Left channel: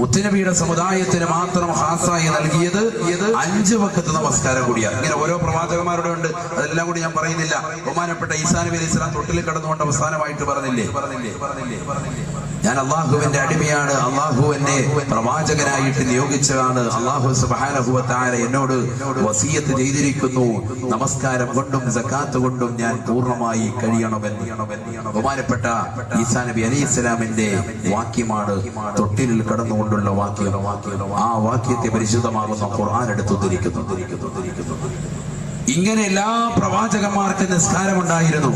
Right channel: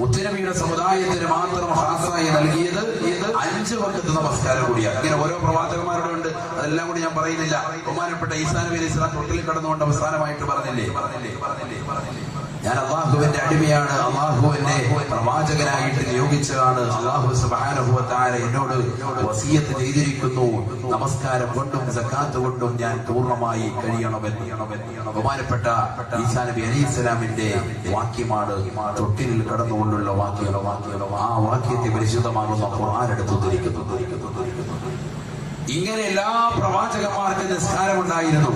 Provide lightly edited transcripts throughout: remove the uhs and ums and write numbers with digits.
മുത്തുനബിയുടെ സമുദായത്തിന് മാത്രം ഖാസായി നൽകിയത് 5 വഖത്ത് നമസ്കാരം കൂടിയാണ്. ഇങ്ങനെ ഓരോ പ്രവാചകന്മാരുടെ ഉണ്ട്, അതെല്ലാം കൂടി ഞാൻ പറയുന്നില്ല. ബഹുമാനപ്പെട്ട ഈസാ നബി അലൈഹി സ്വലാം തൊട്ടിൽ കടന്നുകൊണ്ട് അവസാനമായിട്ട് പറഞ്ഞില്ലേ, ഞാൻ അള്ളാഹുവിന്റെ അടിമയാണ്, അള്ളാഹു എന്നെ പ്രവാചകനായിട്ട് നിയോഗിച്ചതാണ്, അള്ളാഹു സുബ്ഹാനഹു വ തആല എന്നോട് വസിയത്ത് ചെയ്തിരിക്കുന്നു, നമസ്കാരം കൊണ്ടും സകാത്ത് കൊണ്ടും ഞാൻ പൂർണ്ണമായി കഴിയണമെന്ന്. ബഹുമാനപ്പെട്ട ഈസാ നബി അലൈഹി സ്വലാമിന്റെ വാക്യമാണ് തൊട്ടിലിൽ കടന്നുകൊണ്ടുള്ള വാക്യം. ആ വാക്യത്തെ പരിശുദ്ധമാകുന്ന ഖുർആൻ എടുത്തുദ്ധരിക്കുന്നു. ഇങ്ങനെ എല്ലാ പ്രവാചകന്മാർക്ക് നിസ്കാരമുണ്ടായിരുന്നു.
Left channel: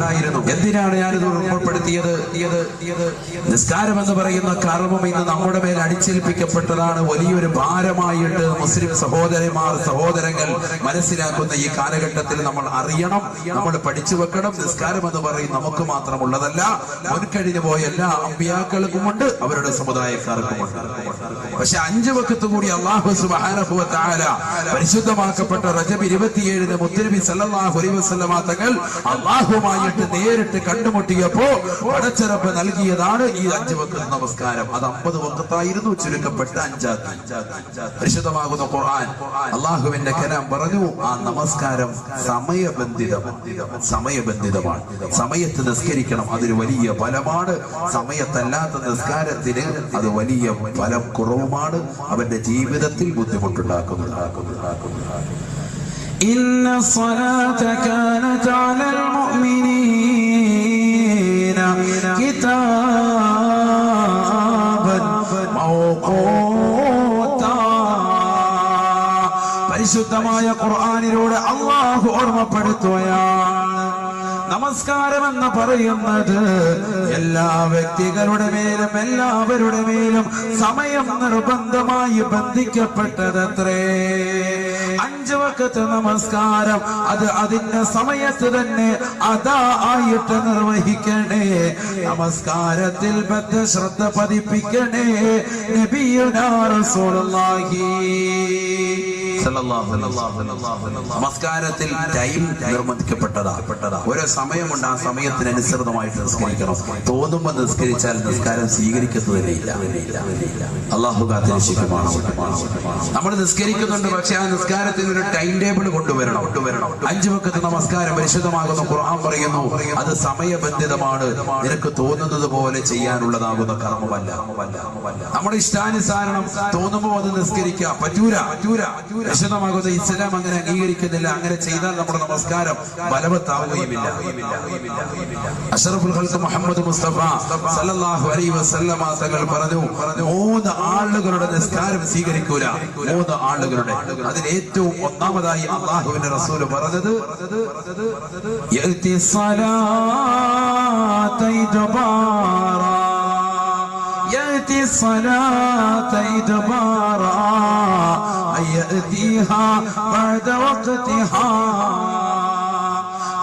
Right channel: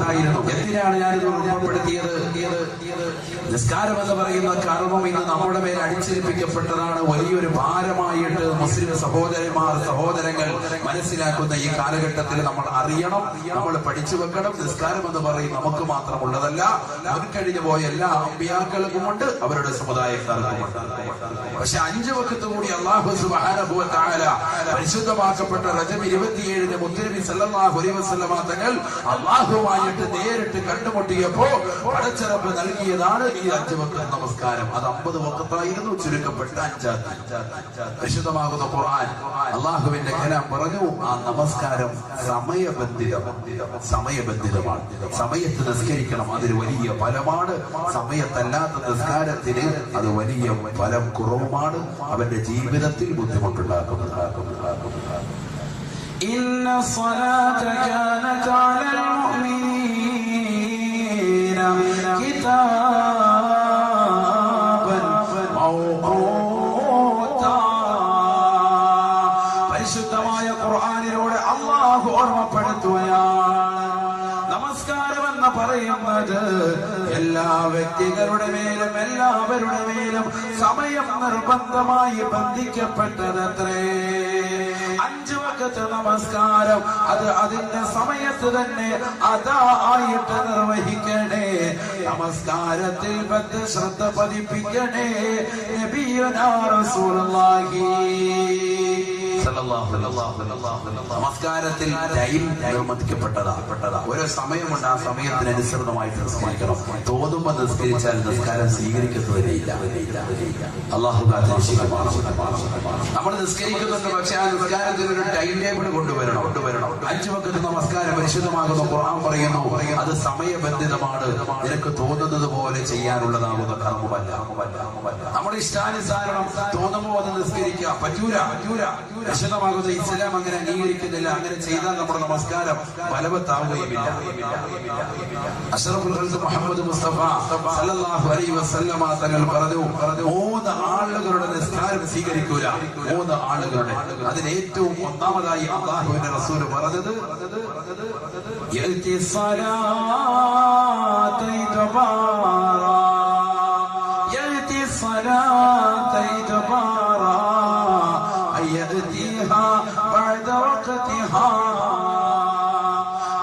എന്തിനാണ് ഞാനിത് ഉൾപ്പെടുത്തിയത്? നിസ്കാരം എന്ന് പറയുന്ന കർമ്മം ഇന്ന് നമ്മുടെ മേൽ അടിച്ചേൽപ്പിക്കപ്പെട്ടതാണ്. വലിയൊരു ഭാരമായിട്ട് മുസ്ലിം സഹോദരങ്ങൾ മനസ്സിലാക്കുന്ന ഈ കാലഘട്ടത്തിൽ നമ്മൾ അറിയണം, നമ്മൾ പഠിച്ചു വെക്കണം. നിസ്കാരം എന്ന് പറയും നമുക്ക് മാത്രമുള്ളതല്ല, മുൻകഴിഞ്ഞു പോയ എല്ലാ അമ്പിയാക്കൾക്കുമുണ്ട്, അവരുടെ സമുദായക്കാർക്കുമുണ്ട്. പക്ഷെ 5 വഖത്ത് കൂടി അല്ലാഹു സുബ്ഹാനഹു വ തആല പരിശുദ്ധമാക്കപ്പെട്ട റജബ് 27 മുത്തുനബി സല്ലല്ലാഹു അലൈഹി വസല്ലമ തങ്ങൾ അല്ലാഹുവുമായിട്ട് നേരിട്ട് കണ്ടുമുട്ടിയപ്പോ പടച്ച റബ്ബ് നൽകിയതാണ് ഈ 5 വഖത്ത് നമസ്കാരം. അത് 50 വഖത്തായിരുന്നു, ചുരുക്കപ്പെട്ട 5. പരിശുദ്ധമാകുന്ന ഖുർആൻ അല്ലാഹുവിന്റെ കലാം പറഞ്ഞു, ആ നമസ്കാരം സമയബന്ധിതമാണ്. സമയത്ത് നിസ്കരിക്കണം, അതൊരു വലിയ ഫലമാണ്. സമയത്തല്ലാത്ത നിസ്കാരത്തിന് അത് വലിയ ഫലം കുറവുമാണ്, അവന്റെ ജീവിതത്തിൽ ബുദ്ധിമുട്ടുണ്ടാക്കുന്നു. إن الصلاة كانت على المؤمنين كتابا موقوتا. പരിശുദ്ധമായ ഖുർആനിലൂടെ അല്ലാഹു ഓർമ്മപ്പെടുത്തുകയാണ്, നമസ്കാരം എന്ന് പറയുന്നത് എല്ലാ വ്യക്തികളുടെ മേലും എല്ലാവരുടെ മേലും സമയം നിർബന്ധമായി ബന്ധിക്കപ്പെട്ടതത്രേ. 5 വഖത്ത് നമസ്കാരം അത് അതിന്റെ സമയത്ത് തന്നെ അതാ ആയിട്ട് നിർവഹിക്കണേ. നമസ്കാരത്തിൽ ശ്രദ്ധ പതിപ്പിക്കണേ. നബിയുനാ റസൂലുള്ളാഹി നമസ്കാരത്തിൽ ടൈം നിർബന്ധിക്കപ്പെട്ടതാ. ഓരോ സമയമുണ്ട്, ആ സമയത്തിനനുസൃതമായിട്ട് നിസ്കരിക്കണം. തോന്നുമ്പോൾ നിസ്കരിച്ചാൽ നിസ്കാരം സ്വീകരിക്കുന്നതിനില്ല. അല്ലാഹു കാത്തിരക്ഷിക്കുമാണ്. നമ്മൾ നിസ്കരിക്കുന്നുണ്ട്, പക്ഷെ ആ നിസ്കാരത്തിന് ഒരു ടൈം ടേബിൾ കൊണ്ടുവരണം. 5 വഖത്ത് നമസ്കാരം പരിശുദ്ധമാകുന്ന ഖുർആൻ പറയുന്നു, അത് സമയബന്ധിതമാണ്. നിനക്ക് തോന്നുന്നത് പോലെ ചെയ്യാനുള്ളതാകുന്ന കർമ്മമല്ല. നമ്മുടെ ഇഷ്ടാനുസാരണം തോന്നുമ്പോൾ അത് നിസ്കരിക്കാം, പറ്റൂല. വിശദമാകുന്ന ഇസ്ലാം അങ്ങനെ അംഗീകരിക്കുന്നില്ല. അങ്ങനെ ചെയ്താൽ നമ്മുടെ നമസ്കാരം ബലവത്താവുകയുമില്ല. അഷ്റഫുൽ ഖൽഖ് മുഹമ്മദ് മുസ്തഫ സല്ലല്ലാഹു അലൈഹി വസല്ലമ തങ്ങൾ പറഞ്ഞു, 3 ആളുകളുടെ നിസ്കാരം സ്വീകരിക്കൂല. 3 ആളുകളുടെ, അതിൽ ഏറ്റവും ഒന്നാമതായി അല്ലാഹുവിന്റെ റസൂൽ പറഞ്ഞത്, യഅതി സ്വലാത ഇദ്ബാറാ, യഅതി സ്വലാത ഇദ്ബാറാ يأتيها بعد وقتها.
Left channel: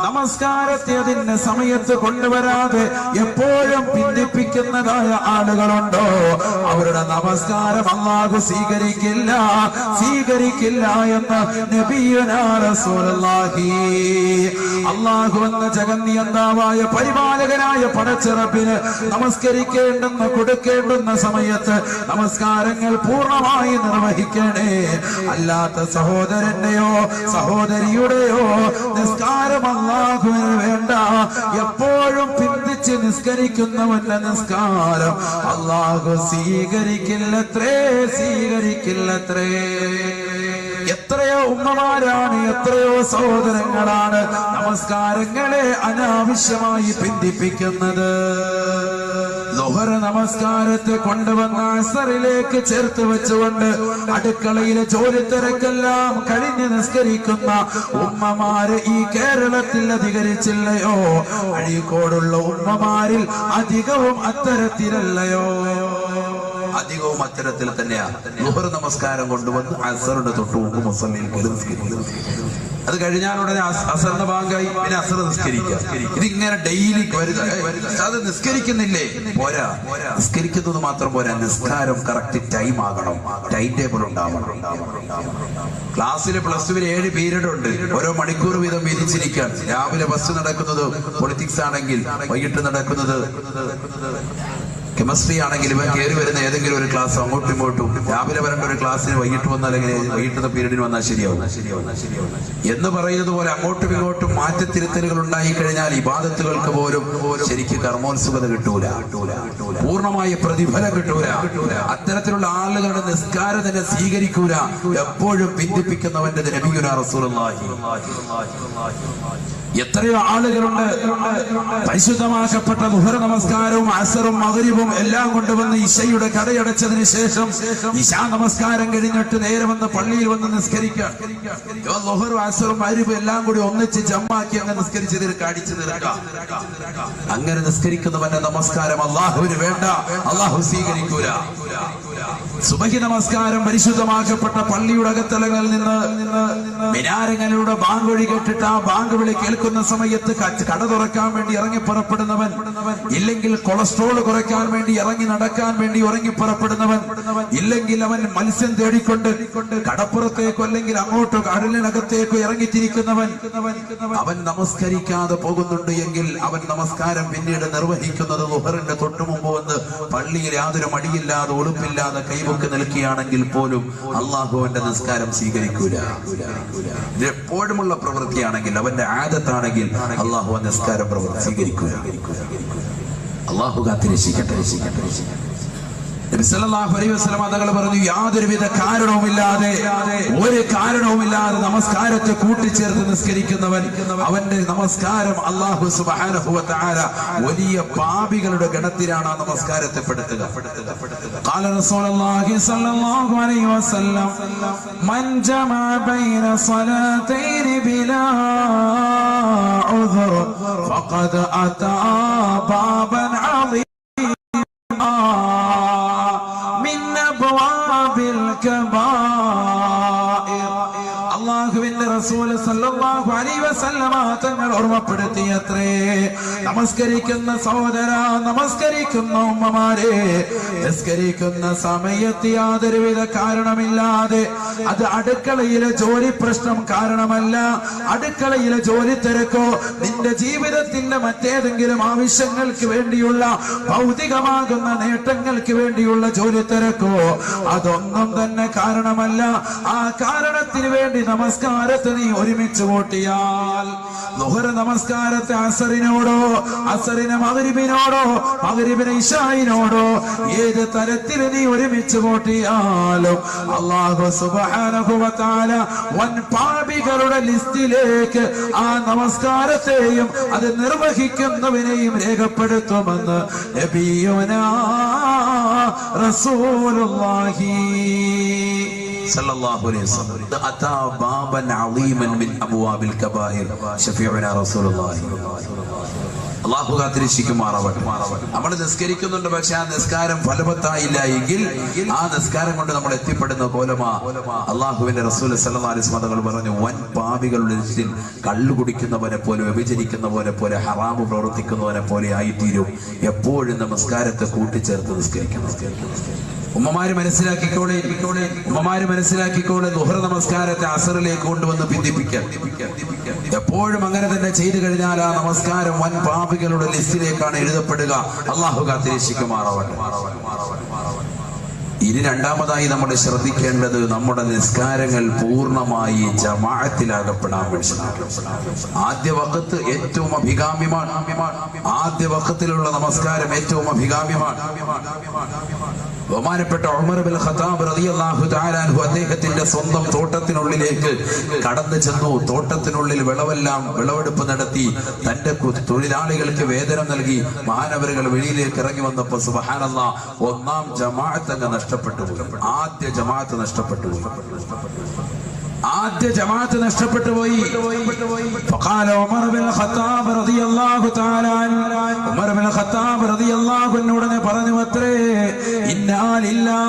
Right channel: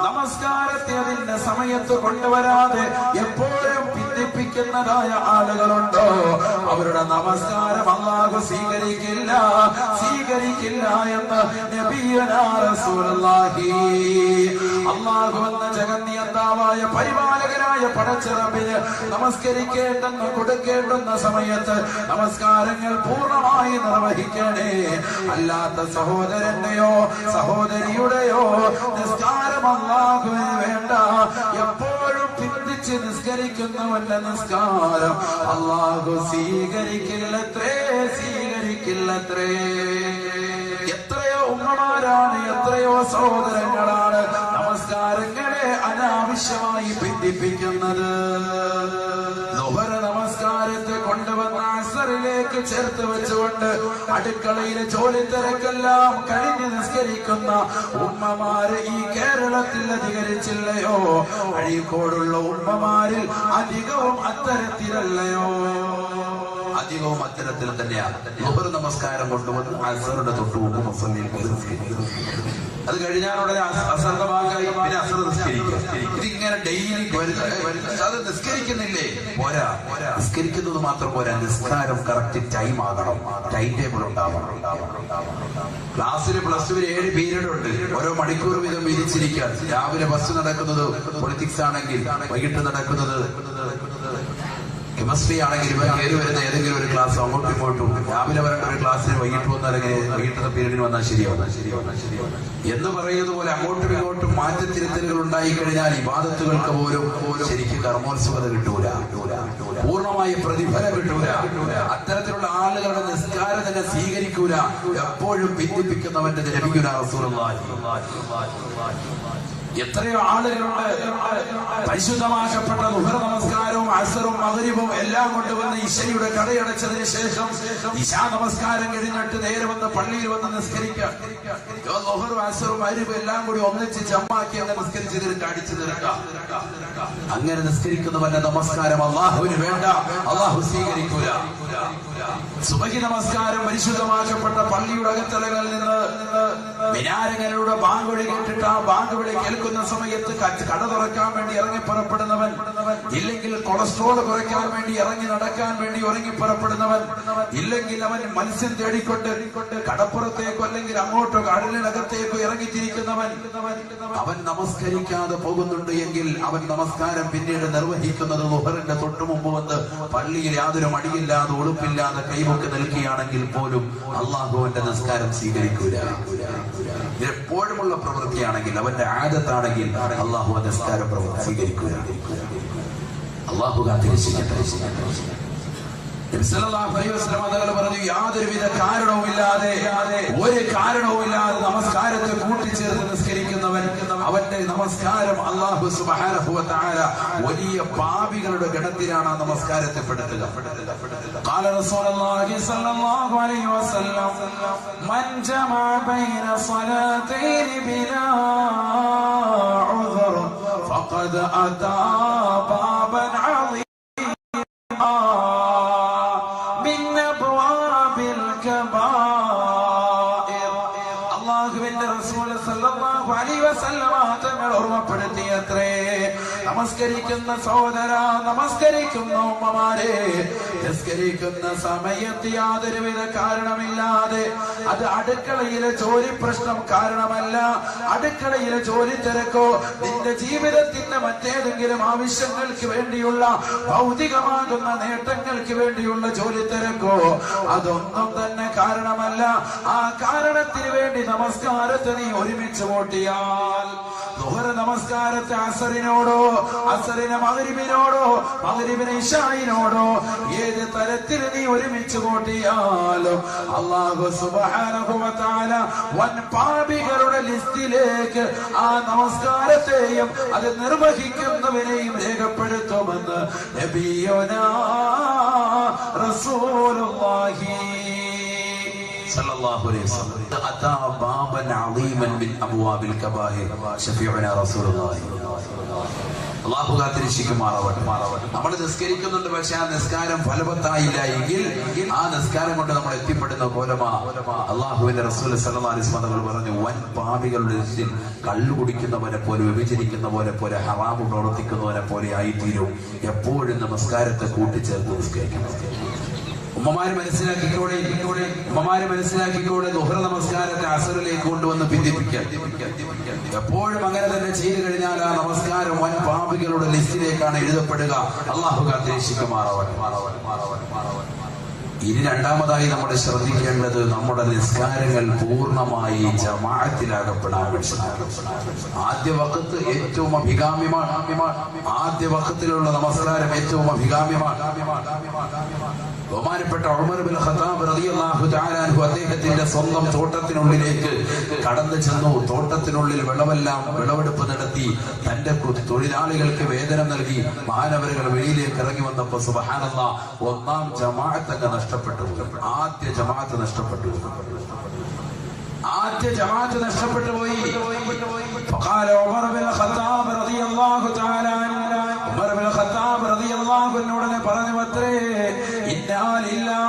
നമസ്കാരത്തെ അതിന്റെ സമയത്ത് കൊണ്ടുവരാതെ എപ്പോഴും ഭിന്നിപ്പിക്കുന്നതായ ആളുകളുണ്ടോ, അവരുടെ നമസ്കാരം അല്ലാഹു സ്വീകരിക്കില്ല എന്ന് നബിയുനാ റസൂലുള്ളാഹി. അല്ലാഹു എന്ന ജഗന്നിയന്താവായ പരിപാലകനായ പടച്ച റബ്ബിന് നമസ്കരിക്കേണ്ടെന്ന് കൊടുക്കേണ്ടുന്ന സമയത്ത് നമസ്കാരങ്ങൾ പൂർണ്ണമായി നിർവഹിക്കണേ. അല്ലാത്ത സഹോദരന്റെയോ സഹോദരിയുടെയോ നിസ്കാരം അല്ലാഹുവിന് വേണ്ട. എപ്പോഴും പിന്തിച്ച് നിസ്കരിക്കുന്നവന്റെ നിസ്കാരം അല്ലാഹു സ്വീകരിക്കില്ലത്രേ. എത്രയോ ഉമ്മമാരാണ്, എത്രയോ സഹോദരങ്ങളാണ് നമസ്കാരങ്ങളെ അനാവശ്യമായി ഭിന്നിപ്പിക്കുന്നത്. ളുഹർ നമസ്കാരത്തെ കൊണ്ടുവന്ന അസറിലേക്ക് ചേർത്ത് വെച്ചുകൊണ്ട് അടുക്കളയിലെ ജോലി തിരക്കെല്ലാം കഴിഞ്ഞ് നിസ്കരിക്കുന്ന ഉമ്മമാര് ഈ കേരളത്തിൽ അധികരിച്ചില്ലയോ? അഴീക്കോടുള്ള ഉമ്മമാരിൽ അധികവും അത്തരത്തിലല്ലയോ? അധികവും അത്തരത്തിൽ തന്നെയാണ്. ളുഹർ നമസ്കാരം കൊണ്ടുവന്ന് അസറുടെ തൊട്ട് മുമ്പ് മുസല്ലിയിൽ നിസ്കരിക്കും. അത് കഴിഞ്ഞാലുടനെ അസറിന്റെ ഭാഗമായി പിന്നെ അസർ നിസ്കരിക്കുക. ഇതിങ്ങനെ ഡെയിലി അത് നിസ്കരിക്കുന്നില്ലേ? പോരാ. നിസ്കരിക്കുന്നത് മാത്രം പോരാ, നിസ്കാരം കറക്റ്റ് ടൈം ആകണം, ടൈം ടേബിൾ ഉണ്ടാവണം. ക്ലാസ്സിൽ +2 7 പീരീഡ് ഉണ്ട്. ഓരോ മണിക്കൂർ വീതം വിധിച്ചിരിക്കാൻ. രാവിലെ ഫസ്റ്റ് നടക്കുന്നത് പൊളിറ്റിക്സ് ആണെങ്കിൽ വൈകിട്ട് നടക്കുന്നത് കെമിസ്ട്രി ആണെങ്കിലും കയറി വരുന്ന ഏതെങ്കിലും ഒരു ക്ലാസ് അങ്ങോട്ടും ഇങ്ങോട്ടും രാവിലെ വരേണ്ട ഒരു ക്ലാസ്സിന് വൈകിട്ട് വന്നാൽ എങ്ങനെ വൈകിട്ടത്തെ പീരീഡിന് വന്നാൽ ശരിയാവും എന്ന് പറയുന്നത് പോലെ അങ്ങോട്ടും ഇങ്ങോട്ടും മാറ്റത്തിരുത്തലുകൾ ഉണ്ടായി കഴിഞ്ഞാൽ ഇബാദത്തുകൾക്ക് പോലും ശരിക്കും കർമ്മോത്സുകത കിട്ടൂല, പൂർണ്ണമായ പ്രതിഫലം കിട്ടൂല. അത്തരത്തിലുള്ള ആളുകളുടെ നിസ്കാരം തന്നെ സ്വീകരിക്കൂല. എപ്പോഴും ഭിന്നിപ്പിക്കുന്നവന്റെ നബിയുനാ റസൂലുള്ളാഹി. എത്രയോ ആളുകളുണ്ട് പരിശുദ്ധമാക്കപ്പെട്ട ദുഹർ നമസ്കാരവും അസറും മഗ്രിബും എല്ലാം കൊണ്ടുവന്ന് ഇശയുടെ കടയടച്ചതിന് ശേഷം ഇശാ നമസ്കാരം കഴിഞ്ഞിട്ട് നേരെ വന്ന് പള്ളിയിൽ വന്ന് നിസ്കരിക്കാം. ദുഹറും അസറും മഗ്രിബും എല്ലാം കൂടി ഒന്നിച്ച് ജമ്മാക്കി അങ്ങനെ നിസ്കരിച്ച് അടിച്ചു തീർക്കാം. അങ്ങനെ നിസ്കരിക്കുന്നവന്റെ നമസ്കാരം അള്ളാഹുവിന് വേണ്ട, അള്ളാഹു സ്വീകരിക്കൂല. സുബഹി നമസ്കാരം പരിശുദ്ധമാക്കപ്പെട്ട പള്ളിയുടെ അകത്തളകളിൽ നിന്ന് മിനാരങ്ങളിലൂടെ ബാങ്ക് വിളി കേട്ടിട്ട് ആ ബാങ്ക് വിളി കേൾക്കുന്ന സമയത്ത് കട തുറക്കാൻ വേണ്ടി ഇറങ്ങി പുറപ്പെടുന്നവൻ, ഇല്ലെങ്കിൽ കൊളസ്ട്രോൾ കുറയ്ക്കാൻ വേണ്ടി ഇറങ്ങി നടക്കാൻ വേണ്ടി ഇറങ്ങി പുറപ്പെടുന്നവൻ, ഇല്ലെങ്കിൽ അവൻ മത്സ്യം തേടിക്കൊണ്ട് കടപ്പുറത്തേക്കോ അല്ലെങ്കിൽ അങ്ങോട്ടോ കടലിനകത്തേക്കോ ഇറങ്ങിത്തിരിക്കുന്നവൻ, അവൻ നമസ്കരിക്കാതെ പോകുന്നുണ്ട് എങ്കിൽ അവൻ നമസ്കാരം പിന്നീട് നിർവഹിക്കുന്നത് ദുഹറിന്റെ തൊട്ടു മുമ്പ് വന്ന് പള്ളിയിൽ യാതൊരു മടിയില്ലാതെ ഉടുപ്പില്ലാതെ കൈമുക്ക് നിൽക്കുകയാണെങ്കിൽ പോലും അള്ളാഹുവിന്റെ നിസ്കാരം സ്വീകരിക്കൂല. ഇത് എപ്പോഴുമുള്ള പ്രവൃത്തിയാണെങ്കിൽ, അവന്റെ ആദത്താണെങ്കിൽ അള്ളാഹു നിസ്കാരം സ്വീകരിക്കൂല. അള്ളാഹു കാത്തിരക്ഷിക്കട്ടെ. നബി സല്ലല്ലാഹു അലൈഹി വസല്ലം തങ്ങൾ പറഞ്ഞു, യാതൊരുവിധ കാരണവുമില്ലാതെ ഒരു കാരണവുമില്ലാതെ നമസ്കാരത്തെ കൂട്ടിച്ചേർത്ത് നിസ്കരിക്കുന്നവൻ, അവന്റെ നമസ്കാരം അല്ലാഹു സുബ്ഹാനഹു വ തആല വലിയ പാപികളുടെ ഗണത്തിലാണ് ആ നമസ്കാരത്തെ പെടുത്തുക. ഖാല റസൂലുള്ളാഹി സ്വല്ലല്ലാഹു അലൈഹി വസല്ലം, മൻ ജമഅ ബൈന സ്വലാത്തൈനി ബിലാ ഉദ്ർ ഫഖദ് അതാ ബാബൻ അളീം തങ്ങൾ ഓർമ്മപ്പെടുത്തിയത്രേ. നമസ്കരിക്കുന്ന സഹോദര, നമസ്കരിക്കുന്ന ഉമ്മമാരെ, നിസ്കരിക്കുന്ന സമയത്ത് യാതൊരുവിധ കാരണമില്ലാതെ, അത് അടുക്കളയിലെ ജോലി പ്രശ്നം കാരണമല്ല, അടുക്കളയിലെ ജോലി തിരക്കോ നിന്റെ ജീവിതത്തിന്റെ മറ്റേതെങ്കിലും ആവശ്യങ്ങൾക്ക് വേണ്ടിയുള്ള ഭൗതികമാകുന്ന നേട്ടങ്ങൾക്ക് വേണ്ടിയുള്ള ജോലി തിരക്കോ, അതൊന്നും തന്നെ കാരണമല്ല. ആ കാരണത്തിന് വേണ്ടി നമസ്കാരത്തെ നീ ഒരുമിച്ച് കൂട്ടിയാൽ, ളുഹർ നമസ്കാരത്തെ അസറിനോടോ, അസറിനെ മഗ്രിബിനോടോ, മഗ്രിബിനെ ഇശായിനോടോ ഏത് തരത്തിൽ നീ ഒരുമിച്ച് കൂട്ടിയാലും അല്ലാഹു സുബ്ഹാനഹു വ തആല വൻ പാപികളുടെ ലിസ്റ്റിലേക്ക് ആ നമസ്കാരത്തെയും അത് നിർവഹിക്കുന്നവനെയും രേഖപ്പെടുത്തുമെന്ന് നബിയുനാ റസൂലുള്ളാഹി സല്ലല്ലാഹു അലൈഹി വസല്ലം. അതാ ബാബൻ അളീമൻ മിൻ അബ്വാബിൽ കബായിർ ശഫീഉനാ റസൂലുള്ളാഹി. അല്ലാഹു കാത്തിരക്ഷിക്കുമാറാവട്ടെ. നമ്മൾ നിസ്കരിക്കുന്നുണ്ട്, പക്ഷെ ആ നിസ്കാരം ഫലവത്തായില്ല എങ്കിൽ ആ നിസ്കാരം കൊണ്ട് നമ്മൾ എത്തിപ്പെടുന്ന കോലമാ അല്ലാഹുവിന്റെ റസൂൽ സല്ലല്ലാഹു അലൈഹി വസല്ലം തങ്ങൾ പറഞ്ഞു, വൻ പാപികളുടെ ലിസ്റ്റിൽ കള്ളു കുടിക്കുന്നവനെ പോലെ, വ്യഭിചരിക്കുന്ന പോലെ, ഹറാമ് പ്രവർത്തിക്കുന്നവനെ പോലെ ആയിത്തീരും എപ്പോഴും നമസ്കാരത്തെ കൂട്ടിച്ചേർത്ത് നിസ്കരിക്കണം. ഉമ്മമാര് മനസ്സിലാക്കിക്കോളെ, ദുഹർ നമസ്കാരത്തെ അസറിലേക്ക് കൊണ്ടുവന്ന് ഭിന്നിപ്പിക്കാൻ. എപ്പോഴും അങ്ങനെ തന്നെ ചെയ്തു കഴിഞ്ഞാൽ ആ നമസ്കാരം വൻ പാപികളുടെ ലിസ്റ്റിലേക്കാണ് എഴുതപ്പെടുക. അല്ലാഹു കാത്തിരക്ഷിക്കുമാറാവട്ടെ. ഇനി രണ്ടാമതായി നമ്മൾ ശ്രദ്ധിക്കേണ്ടത്, നമ്മുടെ നിസ്കാരങ്ങൾ പൂർണ്ണമായി ജമാഅത്തിലാകപ്പെടാൻ വേണ്ടി. ആദ്യ വഖത്ത് ഏറ്റവും അഭികാമ്യമാണ്. ആദ്യ വഖത്തിലുള്ള നമസ്കാരം ഏറ്റവും അഭികാമ്യമാണ്. ബഹുമാനപ്പെട്ട ഉമർ ബിൻ ഖത്താബ് റളിയല്ലാഹു തആല അൻഹു അദ്ദേഹത്തിന്റെ സ്വന്തം തോട്ടത്തിനുള്ളിലേക്ക് കടന്നു ചെന്നു. തോട്ടത്തിനുള്ളിൽ വിളവെടുപ്പ് നടത്തി തന്റെ തൊഴിലാളികൾക്ക് വേതനം നൽകി മഹാനവറുകൾ വെളിയിലേക്ക് ഇറങ്ങി വന്നപ്പോൾ സുബ്ഹാനല്ലാഹ് ഒന്നാം ജമാഅത്ത് അങ്ങ് നഷ്ടപ്പെട്ടു. ആദ്യ ജമാഅത്ത് നഷ്ടപ്പെട്ടു പോയി. فقال عمر بن الخطاب رضي الله تعالى عنه, ഉമർ ബിൻ ഖത്താബ് റളിയല്ലാഹു അൻഹു ഉടനെ പറഞ്ഞു അത്രേ, ഇന്നാ ലില്ലാഹി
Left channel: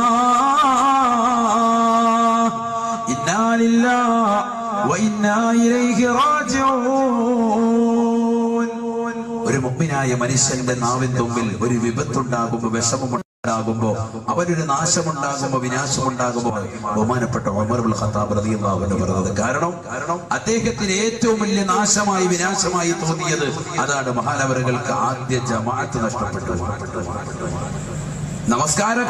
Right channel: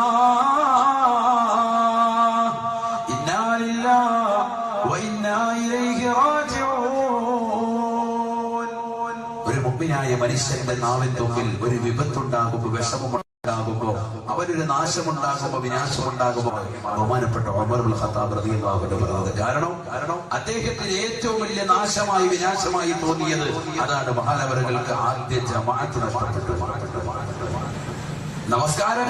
വ ഇന്നാ ഇലൈഹി റാജിഊൻ. ഒരു മുഅ്മിനായ മനുഷ്യന്റെ നാവിൻ തുമ്പിൽ ഒരു വിപത്തുണ്ടാകുമ്പോൾ, വിഷമമുണ്ടാകുമ്പോ, അവനൊരു നാശമുണ്ടാകുമ്പോ, വിനാശമുണ്ടാകുമ്പോ ബഹുമാനപ്പെട്ട ഉമർ ഇബ്നുൽ ഖത്താബ് റളിയല്ലാഹു അൻഹു പറഞ്ഞത്. കാരണം അദ്ദേഹത്തിന് ഏറ്റവും വലിയ നാശമായി, വിനാശമായി തോന്നിയത് അതാണ്. മഹാനവറുകൾക്ക് ആദ്യ ജമാഅത്ത് നഷ്ടപ്പെട്ടു. നമസ്കാരം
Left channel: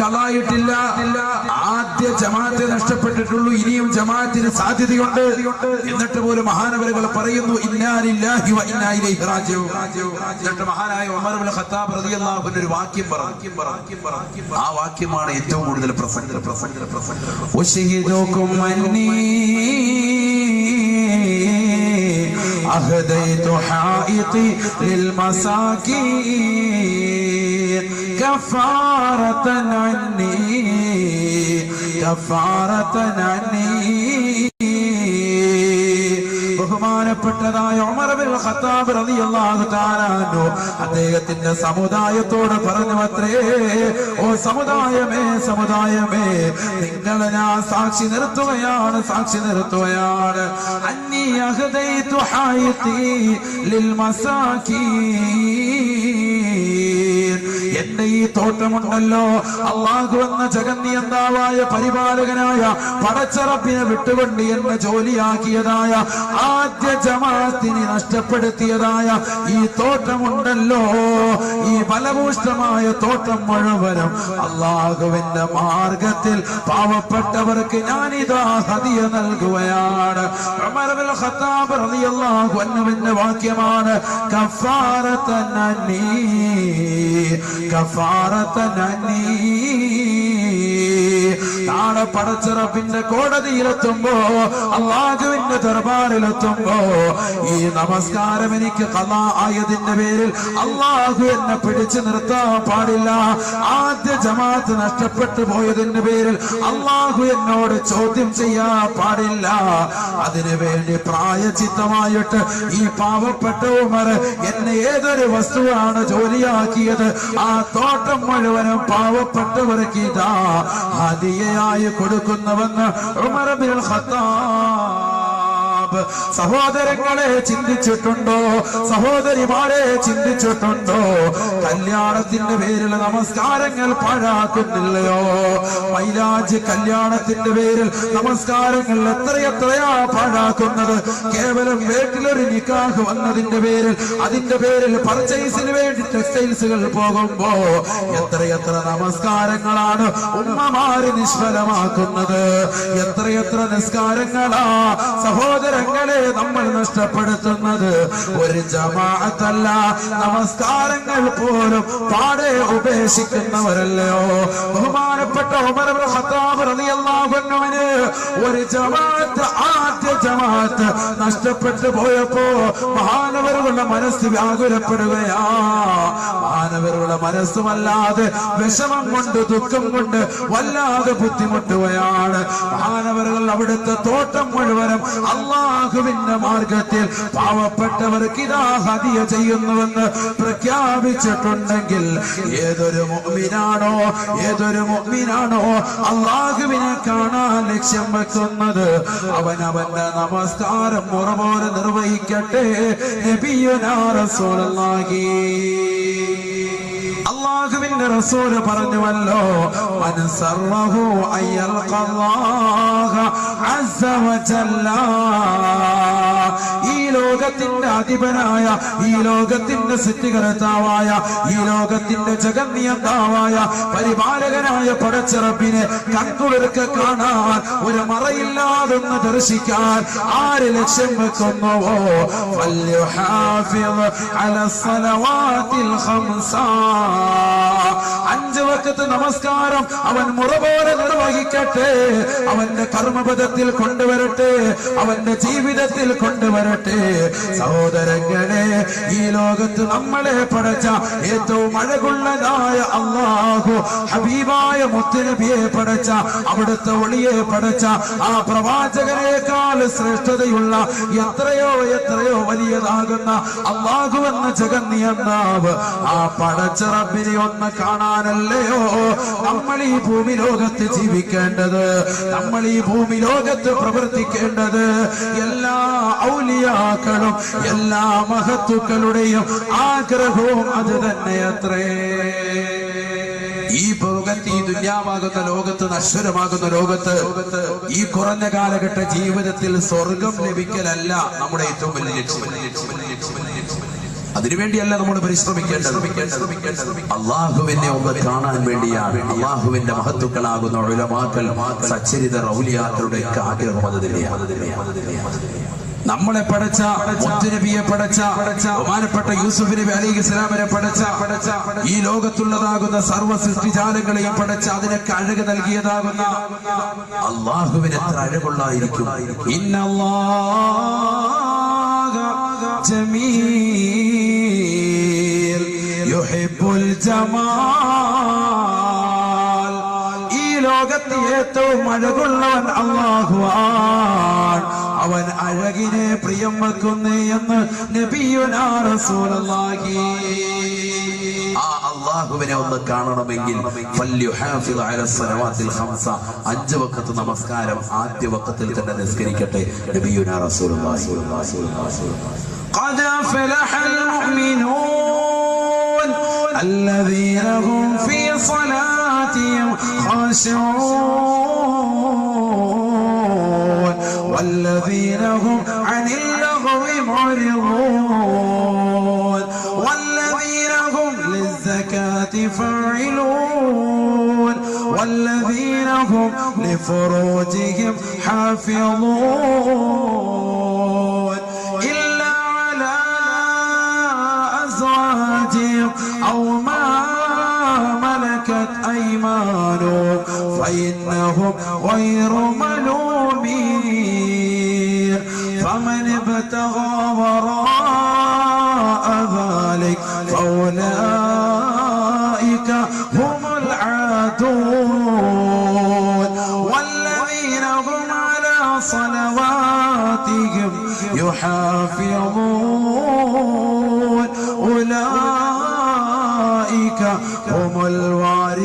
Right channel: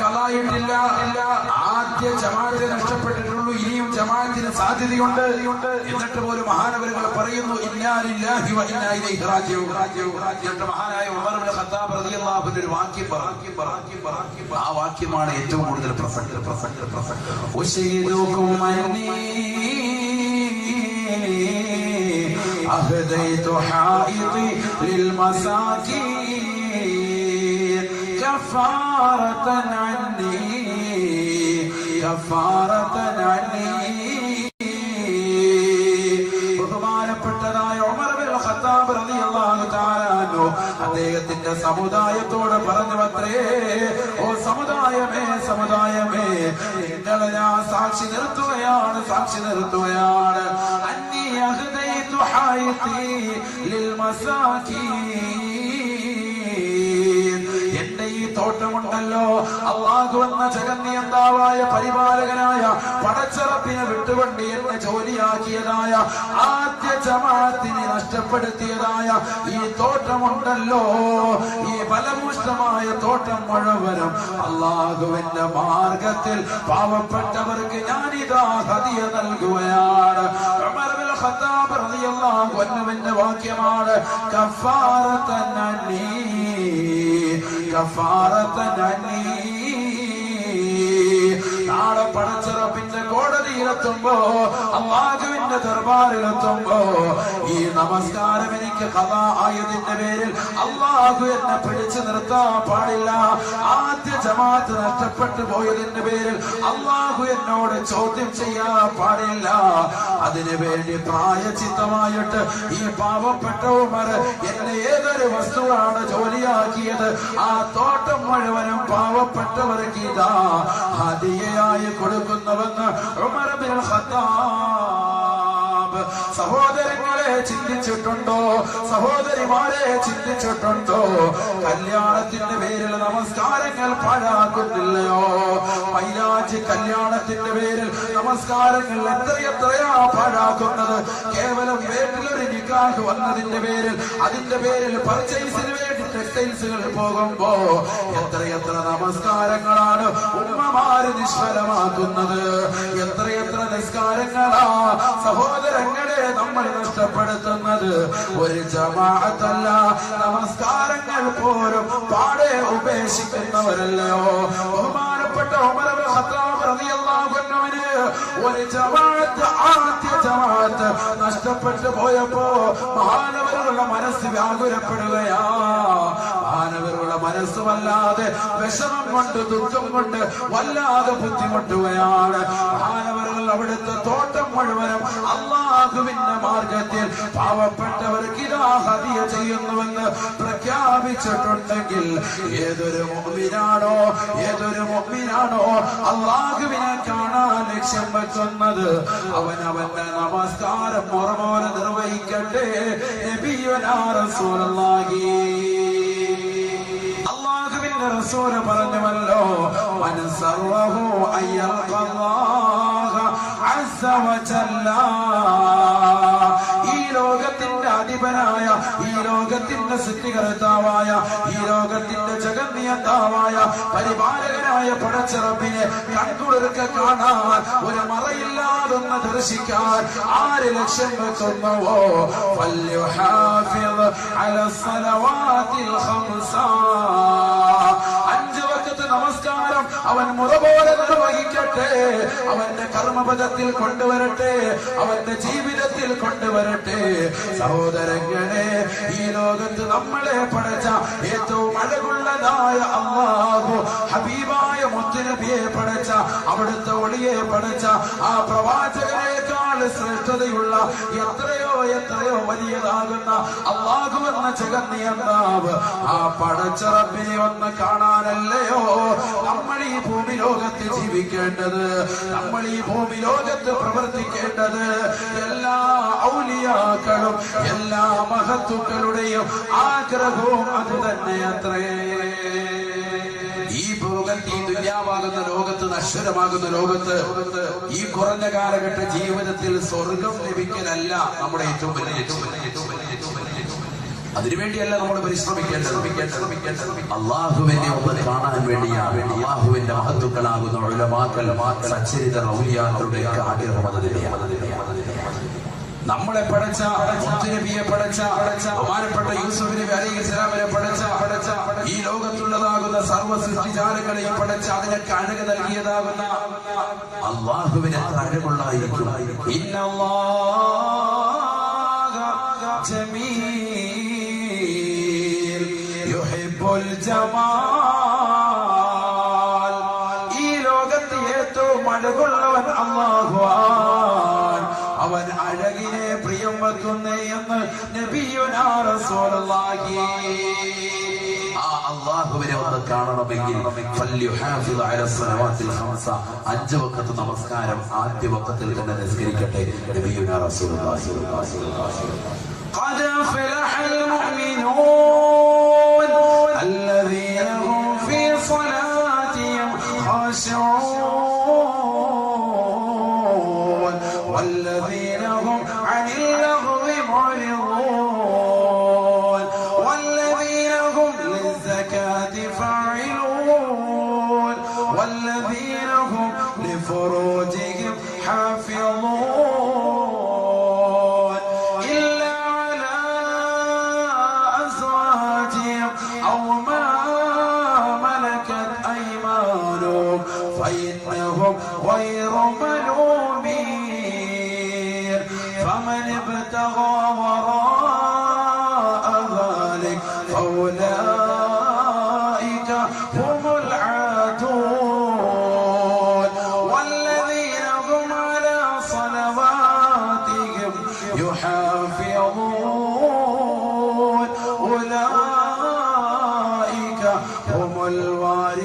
കളായിട്ടില്ല. ആദ്യ ജമാഅത്തെ നഷ്ടപ്പെട്ടിട്ടുള്ളൂ, ഇനിയും ജമാഅത്തിന് സാധ്യതയുണ്ട്. എന്നിട്ട് പോലും മഹാനവരുകൾ പറയുന്നു ഇന്നാ ലില്ലാഹി വ ഇന്നാ ഇലൈഹി റാജിഊൻ. എന്നിട്ട് മഹാനായ ഉമർ ഇബ്നു ഖത്താബ് റളിയല്ലാഹു അൻഹു ഒരു വാക്യം പറഞ്ഞു. ആ വാക്യമാണ് ഏറ്റവും കൂടുതൽ പ്രസക്തം. ഉശഹിദുകും അന്നീ അഹദൈതു ഹായിതി ലിൽ മസാകീൻ കഫാറതൻ അന്നീ. ബഹുമാനപ്പെട്ടതായ ഉമർ ഇബ്നുൽ ഖത്താബ് റളിയല്ലാഹു തആല അൻഹു അദ്ദേഹത്തിന്റെ സമുദായത്തോട് പറഞ്ഞു അത്രേ, ഓ സമുദായമേ നിങ്ങളെ ഞാൻ സാക്ഷി നിർത്തുകയാണ്. അന്നീ അഹദൈതു ഹായിതി ലിൽ മസാകീൻ. എന്റെ ഈ തോട്ടമുണ്ടല്ലോ, അല്ലാഹു എന്ന ജഗന്നിയന്താവായ പരിപാലകനായ പടച്ചറപ്പിനെ വിട്ടുകൊണ്ട് എന്നെ ജോലിയാക്കിയതായ ആദ്യ ജമാഅത്തിനെ നഷ്ടപ്പെടുത്തിയതായ ഈ തോട്ടമുണ്ടല്ലോ, ഈ ഫലഭൂഷ്ടമായ തോട്ടം മുഴുവനും അല്ലാഹുവിന്റെ മാർഗത്തിൽ പാവപ്പെട്ടവർക്ക് ഞാനിതാ ഹദിയ നൽകുകയാണ്. ഉമർ ഇബ്നുൽ ഖത്താബ് റളിയല്ലാഹു അൻഹുവിന്റെ വാക്യമാണ് കഫാറതൻ അന്നീ. നാളെ പടച്ചിറപ്പിന്റെ കോടതിയിലെത്തുമ്പോ, അല്ലാഹുവിന്റെ ദർബാറിലെത്തുമ്പോ ഈ നമസ്കാരം എനിക്ക് ഖളാ ആയതിന്റെ പേരിൽ അല്ലാഹു എന്നെ പിടിച്ചു നിർത്താൻ പാടില്ല. ആദ്യ ജമാഅത്ത് നഷ്ടപ്പെട്ടു പോയതിന്റെ പേരിൽ അല്ലാഹു എന്നോട് ചോദ്യം ചെയ്യാൻ പാടില്ല. അതിനു വേണ്ടി പ്രായച്ചിത്തമായിട്ട് ഈ പാവപ്പെട്ട ഉമർ എന്നെ ഏതൊരു വസ്തുവാണ് ജോലിയാക്കിയത്, ആ തോട്ടം മുഴുവനും പാവപ്പെട്ടവർക്ക് ഇതാ ഹദിയയായി കൊടുക്കുന്നുവെന്ന് ഉമർ ഇബ്നുൽ ഖത്താബ്. സഹോദരങ്ങളെ ചിന്തിച്ചിട്ടുണ്ടോ? സഹോദരിമാരെ ചിന്തിച്ചിട്ടുണ്ടോ? കല്യാണത്തിന്റെ പേരിൽ നമസ്കാരങ്ങൾ പാഴാക്കുന്നില്ലയോ? മൈലാജി കല്യാണത്തിന്റെ പേരിൽ നമസ്കാരങ്ങൾ എത്രയാ പാഴാക്കുന്നത്? കേവലം വീട്ടിലൊരു നിക്കാഹ് വന്നതിന്റെ പേരിൽ, അതിന്റെ പേരിൽ പർച്ചേസിന് വേണ്ടി ടെക്സ്റ്റൈൽസുകൾ പോകുമ്പോ എത്രയെത്ര നമസ്കാരങ്ങളാണ് ഉമ്മമാര് നിഷ്ഫലമാക്കുന്നത്? എത്രയെത്ര നിസ്കാരങ്ങളാ സഹോദരങ്ങളെ നമ്മൾ നഷ്ടപ്പെടുത്തുന്നത്? ഒരു ജമാഅത്തല്ല, നമസ്കാരങ്ങൾ പോലും പാടെ ഉപേക്ഷിക്കുന്നവരല്ലയോ? ബഹുമാനപ്പെട്ട ഉമർ ഇബ്നുൽ ഖത്താബ് റളിയല്ലാഹു അൻഹുവിന് ഒരു ജമാഅത്ത്, ആദ്യ ജമാഅത്ത് നഷ്ടപ്പെട്ടു പോയപ്പോ മഹാനവറുകളുടെ മനസ്സ് വ്യാകുലപ്പെടുകയാ. മഹാനവറുകളുടെ മനസ്സുമല്ലാതെ വിഷമം കൊണ്ട്, ദുഃഖം കൊണ്ട് വല്ലാതെ ബുദ്ധിമുട്ടുകയാണ്. മഹാനവറുകൾ അവിടുത്തെ തോട്ടം മുഴുവനും അല്ലാഹുവിന്റെ മാർഗത്തിൽ പാവപ്പെട്ടവർക്ക് ഇതാ ഹദിയ ചെയ്യുന്നുവെന്ന് പ്രഖ്യാപിച്ചിട്ടുണ്ടെങ്കിൽ ഏതൊരു മുഅ്മിനാണോ അല്ലാഹുവിനെ കാണാൻ ലക്ഷ്യം വെക്കുന്നത്, അവനവന്റെ നമസ്കാരം മുറപോലെ നിർവഹിക്കട്ടെ. നബിയുനാ റസൂലുള്ളാഹി, അല്ലാഹുവിന്റെ റസൂല് പറഞ്ഞുവല്ലോ, മൻ സർറഹു അയ്യൽഖല്ലാഹ അസ്സ വജല്ല. ഈ ലോകത്തിന്റെ അധിപനായ, ഈ ലോകത്തിന്റെ സൃഷ്ടികർത്താവായ, ഈ ലോകത്തിന്റെ ജഗന്നിയന്താവായ പരിപാലകനായ പടച്ചിറപ്പിനെ കൺകുളിർക്കെ കാണാൻ, ഒരു മറയില്ലാതൊന്ന് ദർശിക്കാൻ ആര് ലക്ഷ്യം വെക്കുന്നുവോ, ഫൽയുഹാഫിദ് അലസ്സലവാതിൽ ഖംസ. 5 വഖത്ത് നമസ്കാരം അവൻ മുറ പോലെ നിർവഹിക്കട്ടെ. അവന്റെ കർമ്മപദത്തിൽ കൊണ്ടുവരട്ടെ, അവന്റെ ജീവിതത്തിൽ കൊണ്ടുവരട്ടെ. സഹോദരങ്ങളെ, ഈ ലോകത്ത് നമ്മളെ പടച്ച ഏറ്റവും അഴകുള്ളതായ അല്ലാഹു ഹബീബായ മുത്തുനബിയെ പടച്ച, അവിടുത്തെ ഒളിയെ പടച്ച ആ പ്രവാചകനേക്കാൾ ശ്രേഷ്ഠതയുള്ള എത്രയോ വലിയതാകുന്ന അല്ലാഹു എന്ന ജഗന്നിയന്താവ് ആ പടച്ച റബ്ബിനെ ഒന്ന് കാണാനല്ലയോ നമ്മൾ ഈ ഭൂമി ലോകത്ത് ജീവിക്കേണ്ടത്, നമ്മൾ ഈ ഭൂമി ലോകത്ത് പ്രവർത്തിക്കേണ്ടത്? എല്ലാ ഔലിയാക്കളും എല്ലാ മഹത്തുക്കളുടെയും ആഗ്രഹവും അത് തന്നെയത്രേ. ഈ ദുന്യാവാകുന്ന ലോകത്ത്, നശ്വരമാകുന്ന ലോകത്ത്, ഈ കുറഞ്ഞ കാലഘട്ട ജീവിതത്തിൽ സ്വർഗം ലഭിക്കലല്ല നമ്മുടെ ഏറ്റവും വലിയ ലക്ഷ്യം. അതിനുവേണ്ടിയല്ല നമ്മൾ പരിശ്രമിക്കേണ്ടത്. അള്ളാഹുവിനെ ഒന്ന് കാണാൻ വേണ്ടിയാണ്. അള്ളാഹുവിന്റെ മഹത്തുക്കളാകുന്ന ഉലമാക്കൾ, സച്ചരിത ഔലിയാക്കളുടെ ആഗ്രഹം അത് തന്നെയാണ്. നമ്മളെ പടച്ച മുത്തുനബിയെ പടച്ച ബഹുമാനപ്പെട്ട യൂസുഫ് നബി അലൈഹിസ്സലാമിനെ പടച്ച ഈ ലോകത്തുള്ളതാകുന്ന സർവ്വ സൃഷ്ടിജാലങ്ങളെയും പടച്ച അതിനൊക്കെ അഴക് നൽകിയതാകുന്ന അള്ളാഹുവിന് എത്ര അഴകുള്ളായിരിക്കും. ഇന്നല്ലാഹ ജമീൽ യുഹിബ്ബുൽ ജമാൽ. ഈ ലോകത്ത് ഏറ്റവും അഴകുള്ളവൻ അല്ലാഹുവാണ്. അവൻ അഴകിനെ പ്രിയം വെക്കുന്നു എന്ന് നബിയുനാ റസൂലുള്ളാഹി. ആ അല്ലാഹുവിനെ ഒന്ന് കാണണമെങ്കിൽ ഫല്യുഹാഫിദ് അലാ സ്വലവാത്തിൽ ഖംസ, 5 വഖത്ത് നമസ്കാരം ആദ്യ വഖത്തിൽ തന്നെ നിസ്കരിക്കട്ടെ. നബിയുനാ റസൂലുള്ളാഹി. ഖദ ഫലഹൽ മുഅ്മിനൂൻ അല്ലദീന ഹും ഫീ സ്വലാത്തിഹിം ഖാശിഊൻ والذين هم عن اللغو معرضون والذين هم للزكاة فاعلون والذين هم لفروجهم حافظون إلا على أزواجهم أو ما ملكت أيمانهم فإنهم غير ملومين. فمن ابتغى وراء ذلك فأولئك هم العادون والذين هم على صلواتهم يحافظون أولئك هم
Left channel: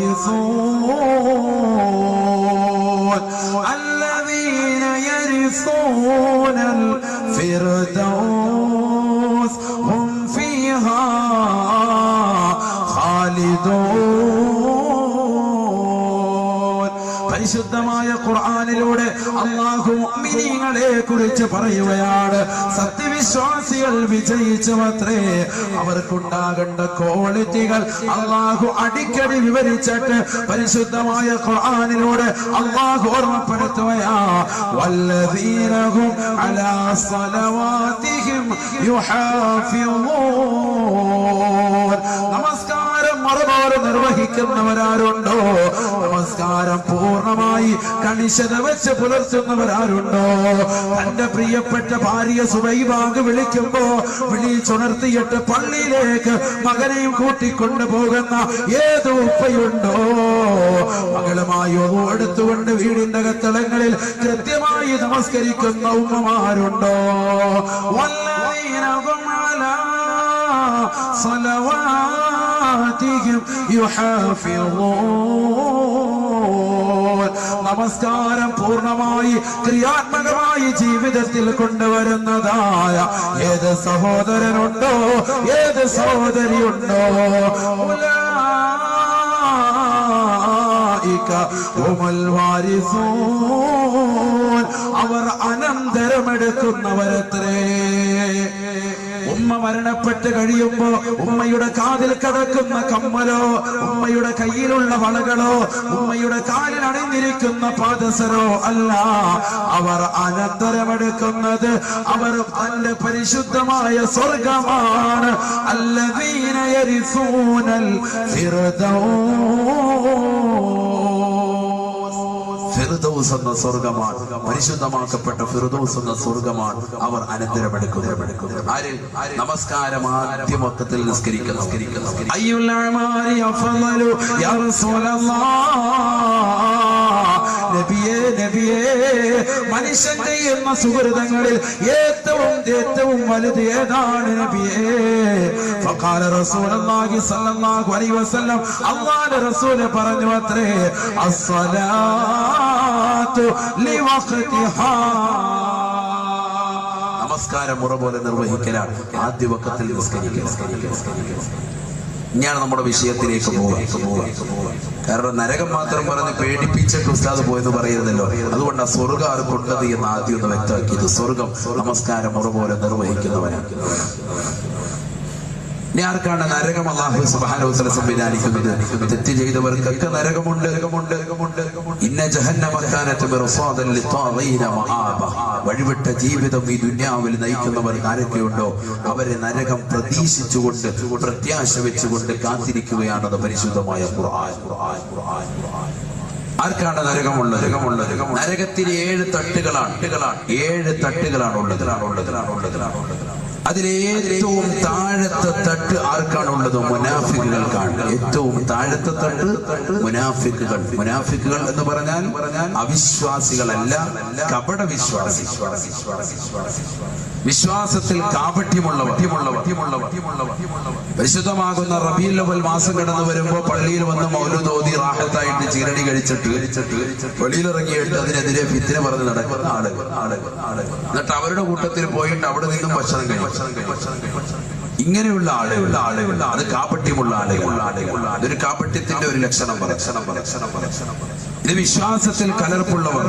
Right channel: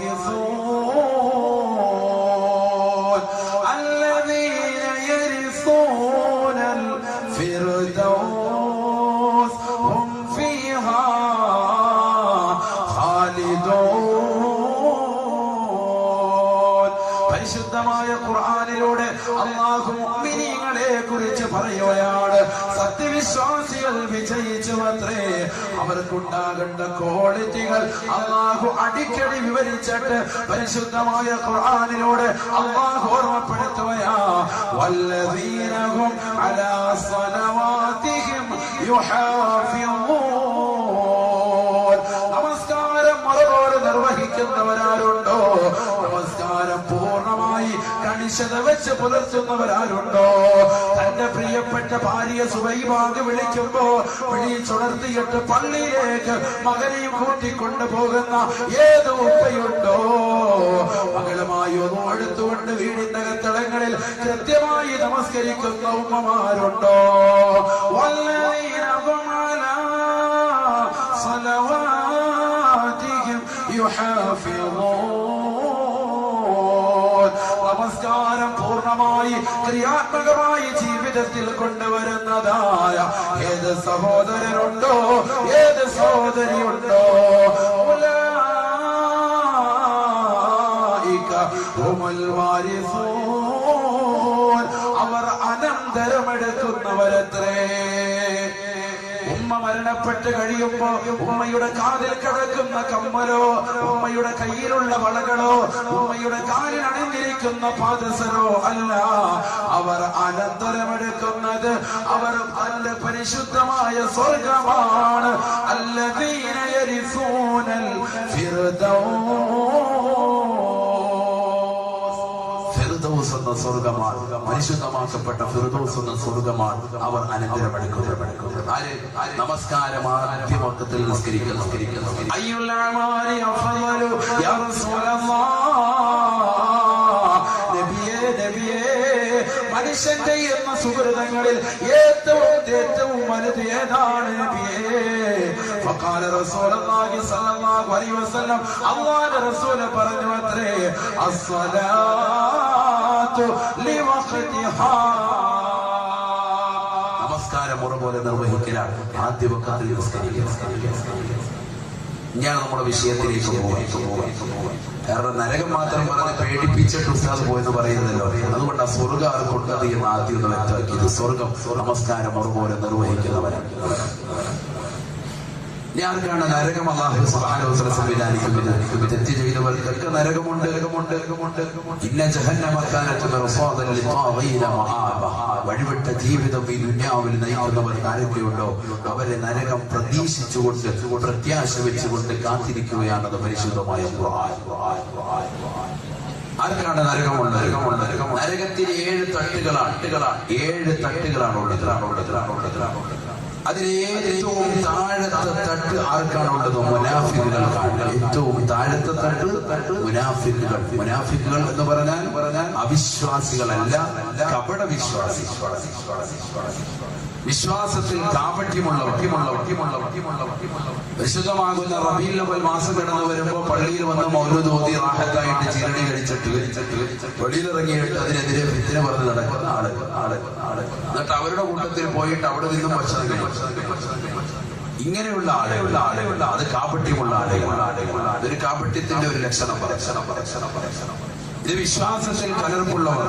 الوارثون الذين يرثون الفردوس هم فيها خالدون. പരിശുദ്ധമായ ഖുർആനിലൂടെ അല്ലാഹു മുഅ്മിനീങ്ങളെ കുറിച്ച് പറയുകയാണ്. സത്യവിശ്വാസികൾ വിജയിച്ചുവത്രേ. അവർക്കുണ്ടാകേണ്ട ക്വാളിറ്റികൾ അല്ലാഹു അടിക്കടി വിവരിച്ചിട്ട് പരിശുദ്ധമായ ഖുർആനിലൂടെ അല്ലാഹു ഓർമ്മപ്പെടുത്തുകയാ. വല്ലദീന ഹും അലാ സ്വലവാതിഹിം യുഹാഫിളൂൻ. നമസ്കാരം മറുപോലെ നിർവഹിക്കുന്നവരാരുണ്ടോ? നമസ്കാരം പൂർണ്ണമായി കണിശത വെച്ച് പുലർത്തുന്നവരാരുണ്ടോ? തന്റെ പ്രിയപ്പെട്ട ഭാര്യ സുബൈബാഗ് വിളിക്കുമ്പോ വിളിച്ചുണർത്തിയിട്ട് പള്ളിയിലേക്ക് മകനെയും കൂട്ടിക്കൊണ്ടു പോകുന്ന ഏത് ഉപ്പയുണ്ടോ? മകളുമായി ഒന്നു എടുത്തുകൊണ്ട് വീടിന്റെ അകത്തളങ്ങളിൽ കൃത്യമായി നമസ്കരിക്കുന്ന ഉമ്മമാരുണ്ടോ? വല്ലദീന ഹും അലാ സ്വലവാതിഹിം യുഹാഫിളൂൻ. നമസ്കാരം പൂർണ്ണമായി ക്രിയാത്മകമായി ജീവിതത്തിൽ കൊണ്ടുവരുന്നതായ ഏത് സഹോദരനുണ്ടോ, ഏത് സഹോദരിയുണ്ടോ? ഉലൈക ഹുമുൽ വാരിസൂൻ. അവർ അനന്തരമെടുക്കുന്നവരത്രേ. ഉമ്മ മരണപ്പെട്ട് കഴിയുമ്പോ ഉമ്മയുടെ കാതിൽ കിടക്കുന്ന കമ്മലോ, ഉമ്മയുടെ കയ്യിലുള്ള വളകളോ, ഉമ്മയുടെ കാലിൽ അണിഞ്ഞിരിക്കുന്ന പാദസരോ അല്ല. അവർ അനന്തരമെടുക്കുന്നത് അവർ തന്റെ പരിശുദ്ധമായ സ്വർഗമാണ്. അല്ലദീന യരിസൂനൽ ഫിർദൗസ് എന്ന സ്വർഗമാണ്. പരിശുദ്ധമാക്കപ്പെട്ട ഫിർദൗസ് എന്ന സ്വർഗമാണ് അവർ അനന്തരമെടുക്കുന്നത്. നമസ്കാരം ആദ്യമൊക്കത്തിൽ നിസ്കരിക്കുന്നു. അയ്യുൽ അഅമാലി അഫ്ളലു യാ റസൂലല്ലാഹ്. നബിയേ നബിയേ, മനുഷ്യന്റെ എന്ന സുഹൃതങ്ങളിൽ ഏറ്റവും വലുത് ഏതാണ് നബിയേ? ഫഖാല റസൂലുള്ളാഹി സ്വല്ലല്ലാഹു അലൈഹി വസല്ലം, അല്ലാഹുവിന്റെ റസൂൽ പറഞ്ഞു അത്രേ, അസ്സലാത്തു ലിവഖ്തിഹാ. നമസ്കാരം മുറ പോലെ നിർവഹിക്കലാണ്. ആദ്യ വഖത്തിൽ നിസ്കരിക്കുക. ഞാൻ നമ്മുടെ വിഷയത്തിലേക്ക് പോകാം. കാരണം നരകം മാത്രം പറഞ്ഞ് പേടിപ്പിച്ചിട്ട് ഉസ്താദ് പോയെന്ന് പറയുന്നല്ലോ. അതുകൊണ്ട് ആ സ്വർഗം ആർക്കുണ്ടത് എന്ന് ആദ്യം ഒന്ന് വ്യക്തമാക്കിയത്. സ്വർഗം നമസ്കാരം മുറ പോലെ നിർവഹിക്കുന്നവരാണ്. ഇനി ആർക്കാണ് നരകം അല്ലാഹു സുബ്ഹാനഹു വ തആല സംവിധാനിക്കുന്നത്? തെറ്റ് ചെയ്തവർക്കൊക്കെ നരകമുണ്ട്. ഇന്ന ജഹന്നമ കാനത് മിർസാദൻ ലിത്വാഗീന മആബ. വഴിവിട്ട ജീവിതം ഈ ദുനിയാവിൽ നയിക്കുന്നവർക്ക് ആരൊക്കെയുണ്ടോ അവരെ നരകം പ്രതീക്ഷിച്ചുകൊണ്ട് പ്രത്യാശ വെച്ചുകൊണ്ട് കാത്തിരിക്കുകയാണെന്ന് പരിശുദ്ധമായ ഖുർആൻ. ആർക്കാണ് നരകമുള്ളത്? നരകത്തിന് 7 തട്ടുകളാണ്. 7 തട്ടുകളാണ് ഉള്ളത്. അതിലേറ്റവും താഴത്തെ തട്ട് ആർക്കാണുള്ളത്? മുനാഫിക്കുകൾക്കാണ്. ഏറ്റവും താഴത്തെ തട്ട് മുനാഫിക്കുകൾ. മുനാഫിക്കുകൾ എന്ന് പറഞ്ഞാൽ അവിശ്വാസികളല്ല, കപട വിശ്വാസി. വിശ്വാസത്തിൽ കാപട്യമുള്ളവർ. പരിശുദ്ധമാകുന്ന റബീഉൽ അവ്വൽ മാസം കടന്നു വരുമ്പോ പള്ളിയിൽ വന്ന് മൗലൂദ് ഓതി റാഹത്തായിട്ട് ചിരടി കഴിച്ചിട്ട് വെളിയിലിറങ്ങിയിട്ട് അതിനെതിരെ ഫിത്ന പറഞ്ഞ് നടക്കുന്ന ആളുകൾ. എന്നിട്ട് അവരുടെ കൂട്ടത്തിൽ പോയിട്ട് അവിടെ നിന്നും ഭക്ഷണം കഴിക്കും. ഇങ്ങനെയുള്ള ആളുകൾ അത് കാപട്യമുള്ള ആളുകൾ. അതൊരു കാപട്യത്തിന്റെ ഒരു ലക്ഷണം. ഇത് വിശ്വാസത്തിൽ കലർപ്പുള്ളവർ.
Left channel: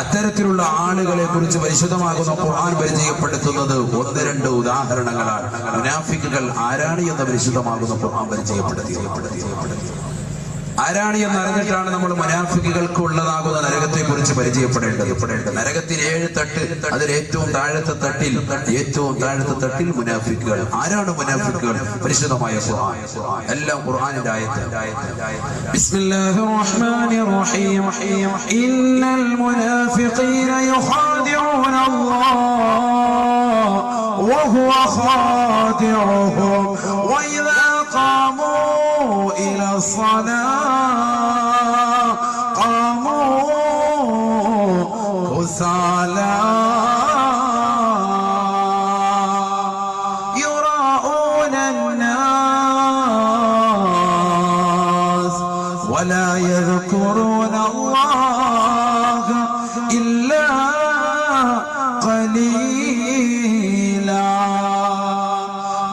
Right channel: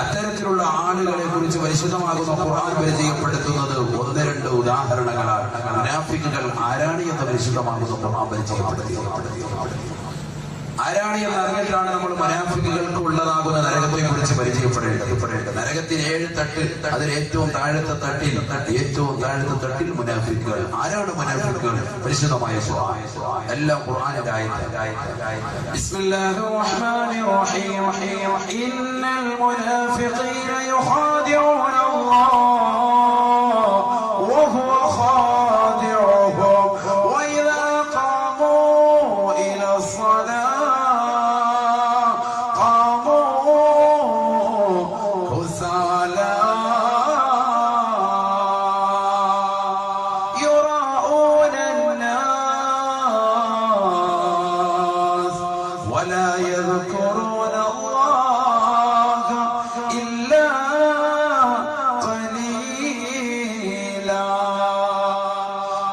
അത്തരത്തിലുള്ള ആളുകളെ കുറിച്ച് പരിശുദ്ധമാകുന്ന ഖുർആൻ പരിചയപ്പെടുത്തുന്നത് 1-2 ഉദാഹരണങ്ങളാണ്. മുനാഫിക്കുകൾ ആരാണ് എന്ന് പരിശുദ്ധമാകുന്ന ഖുർആൻ പരിചയപ്പെടുത്തി. ആരാണ് എന്ന് അറിഞ്ഞിട്ടാണ് നമ്മൾ മുനാഫിക്കുകൾക്ക് ഉള്ളതാകുന്ന നരകത്തെ കുറിച്ച് പരിചയപ്പെടേണ്ടത്. നരകത്തിന് 7 തട്ട്. അതിൽ ഏറ്റവും താഴത്തെ തട്ടിൽ മുനാഫിക്കുകൾ. ആരാണ് മുനാഫിക്കുകൾ? പരിശുദ്ധമായ ഖുർആൻ. എല്ലാം ഖുർആനിന്റെ ആയത്ത്. ബിസ്മില്ലാഹിർ റഹ്മാനിർ റഹീം. ഇന്നൽ മുനാഫിഖീന യുഖാദിഊന അല്ലാഹ് വഹുവ ഖാദിഉഹും വഇദാ ഖാമൂ ഇലാ الصلاة يراءون الناس ولا يذكرون الله إلا قليلا